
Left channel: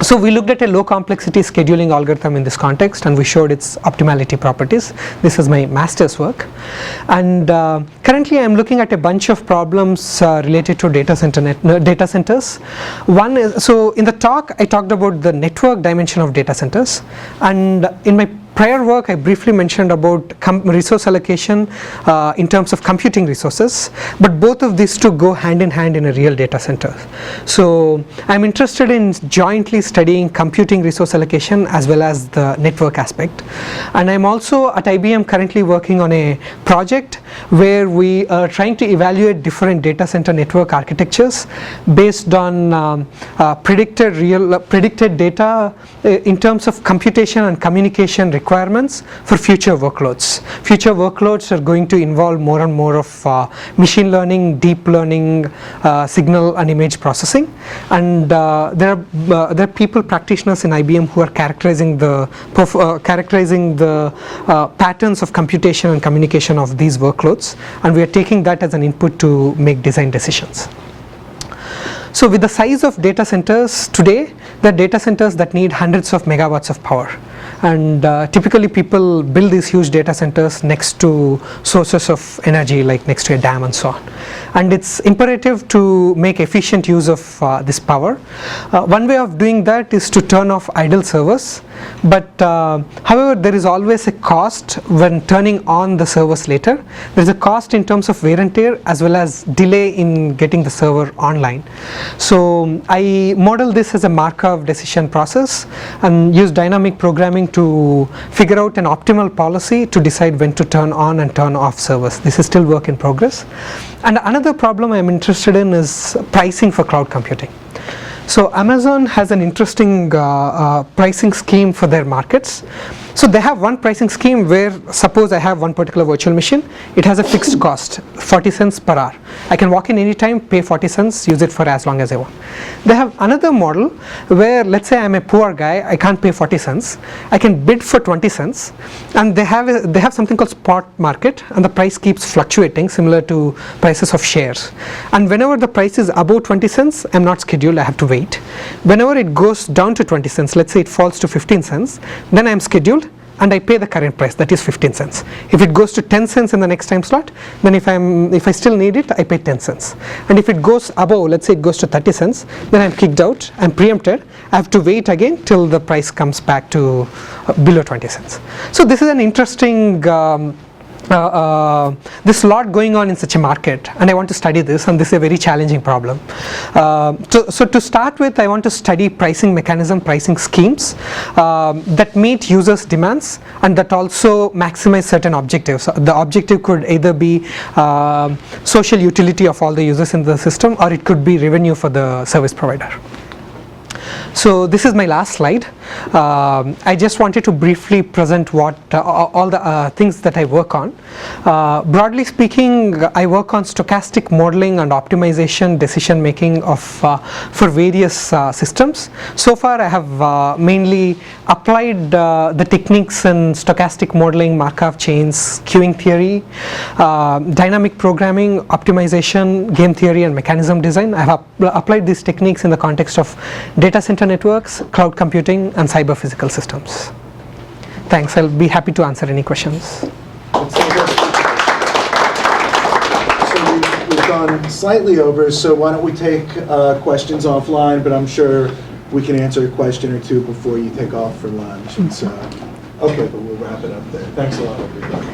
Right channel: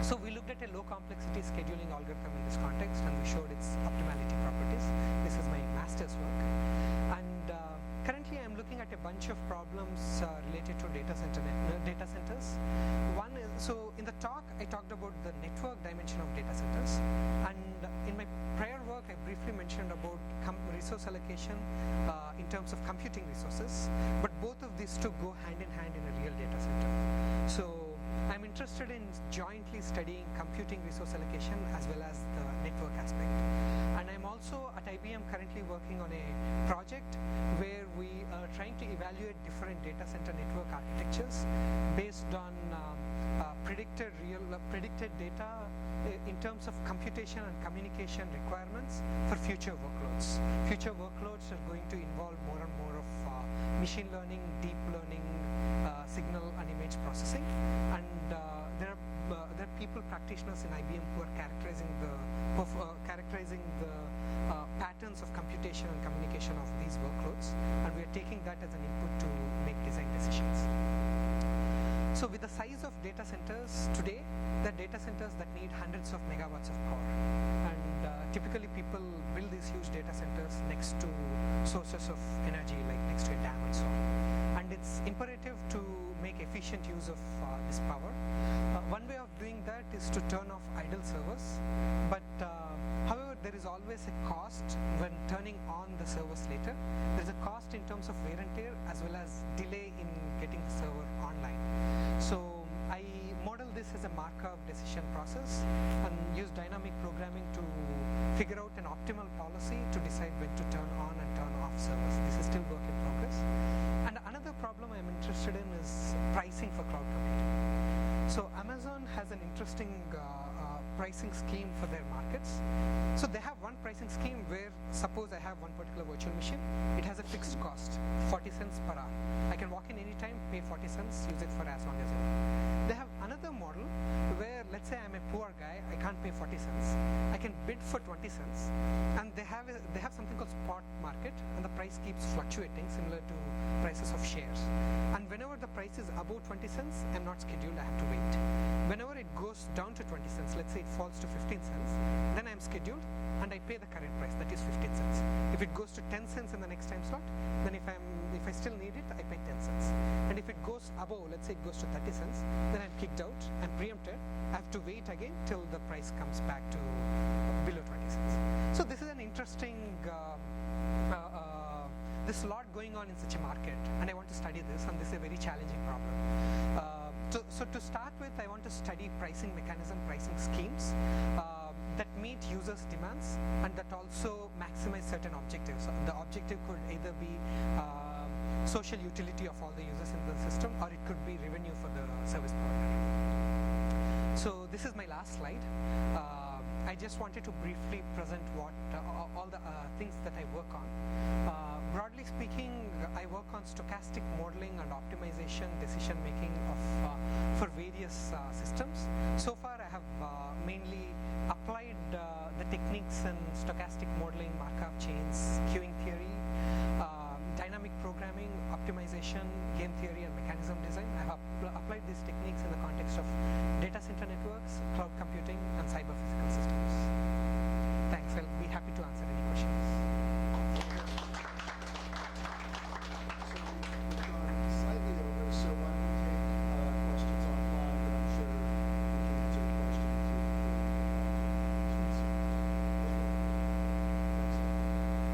So we looked at a low complexity scheduling algorithm in this context and we showed its optimality properties. This is my master's work, and currently I am looking at a bunch of problems related to data centers. One is, so in the talk I talked about the network dimension of data centers, and in my prior work I briefly mentioned about resource allocation in terms of computing resources, but both of these two go hand in hand in a real data center. So I'm interested in jointly studying computing resource allocation as well as the network aspect, and I'm also at IBM currently working on a project where we are trying to evaluate different data center network architectures based on predicted data in terms of computation and communication requirements for future workloads. Future workloads are going to involve more and more of machine learning, deep learning, signal and image processing, and there are people, practitioners in IBM who are characterizing the patterns of computation and communication of these workloads, and we are taking that as an input to make design decisions. So with the size of data centers today, there are data centers that need hundreds of megawatts of power, and typically people build these huge data centers next to sources of energy, like next to a dam and so on. And it's imperative to make efficient use of this power. One way of doing that is to turn off idle servers, but however there is always a cost when turning on the servers later. There is a cost in terms of wear and tear as well as delay in getting the server online. So I model this as a Markov decision process and use dynamic programming programming to figure out an optimal policy to decide when to turn on and turn off servers. This is still work in progress. And another problem I'm interested in is pricing for cloud computing. So Amazon has an interesting pricing scheme for their markets. So they have one pricing scheme where, suppose I have one particular virtual machine, it has a fixed cost, 40 cents per hour. I can walk in anytime, pay 40 cents, use it for as long as I want. They have another model where, let's say I'm a poor guy, I can't pay 40 cents, I can bid for 20 cents, and they have something called spot market, and the price keeps fluctuating similar to prices of shares. And whenever the price is above 20 cents, I'm not scheduled, I have to wait. Whenever it goes down to 20 cents, let's say it falls to 15 cents, then I'm scheduled and I pay the current price, that is 15 cents. If it goes to 10 cents in the next time slot, then if I still need it, I pay 10 cents. And if it goes above, let's say it goes to 30 cents, then I'm kicked out, I'm preempted, I have to wait again till the price comes back to below 20 cents. So this is an interesting there's a lot going on in such a market, and I want to study this, and this is a very challenging problem. So to start with, I want to study pricing mechanism, pricing schemes that meet users' demands and that also maximize certain objectives. The objective could either be social utility of all the users in the system, or it could be revenue for the service provider. So this is my last slide. I just wanted to briefly present what all the things that I work on. Broadly speaking, I work on stochastic modeling and optimization decision making of for various systems. So far I have mainly applied the techniques in stochastic modeling, Markov chains, queuing theory, dynamic programming, optimization, game theory, and mechanism design. I have applied these techniques in the context of data center networks, cloud computing, and cyber physical systems. Thanks. I'll be happy to answer any questions. So we've gone slightly over, so why don't we take questions offline, but I'm sure we can answer a question or two before you take off for lunch. It's, okay, but we'll wrap it up there. Thanks a lot, everybody.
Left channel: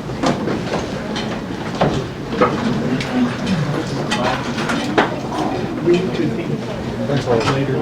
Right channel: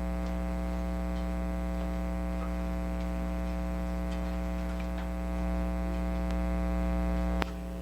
Thanks a lot. Later.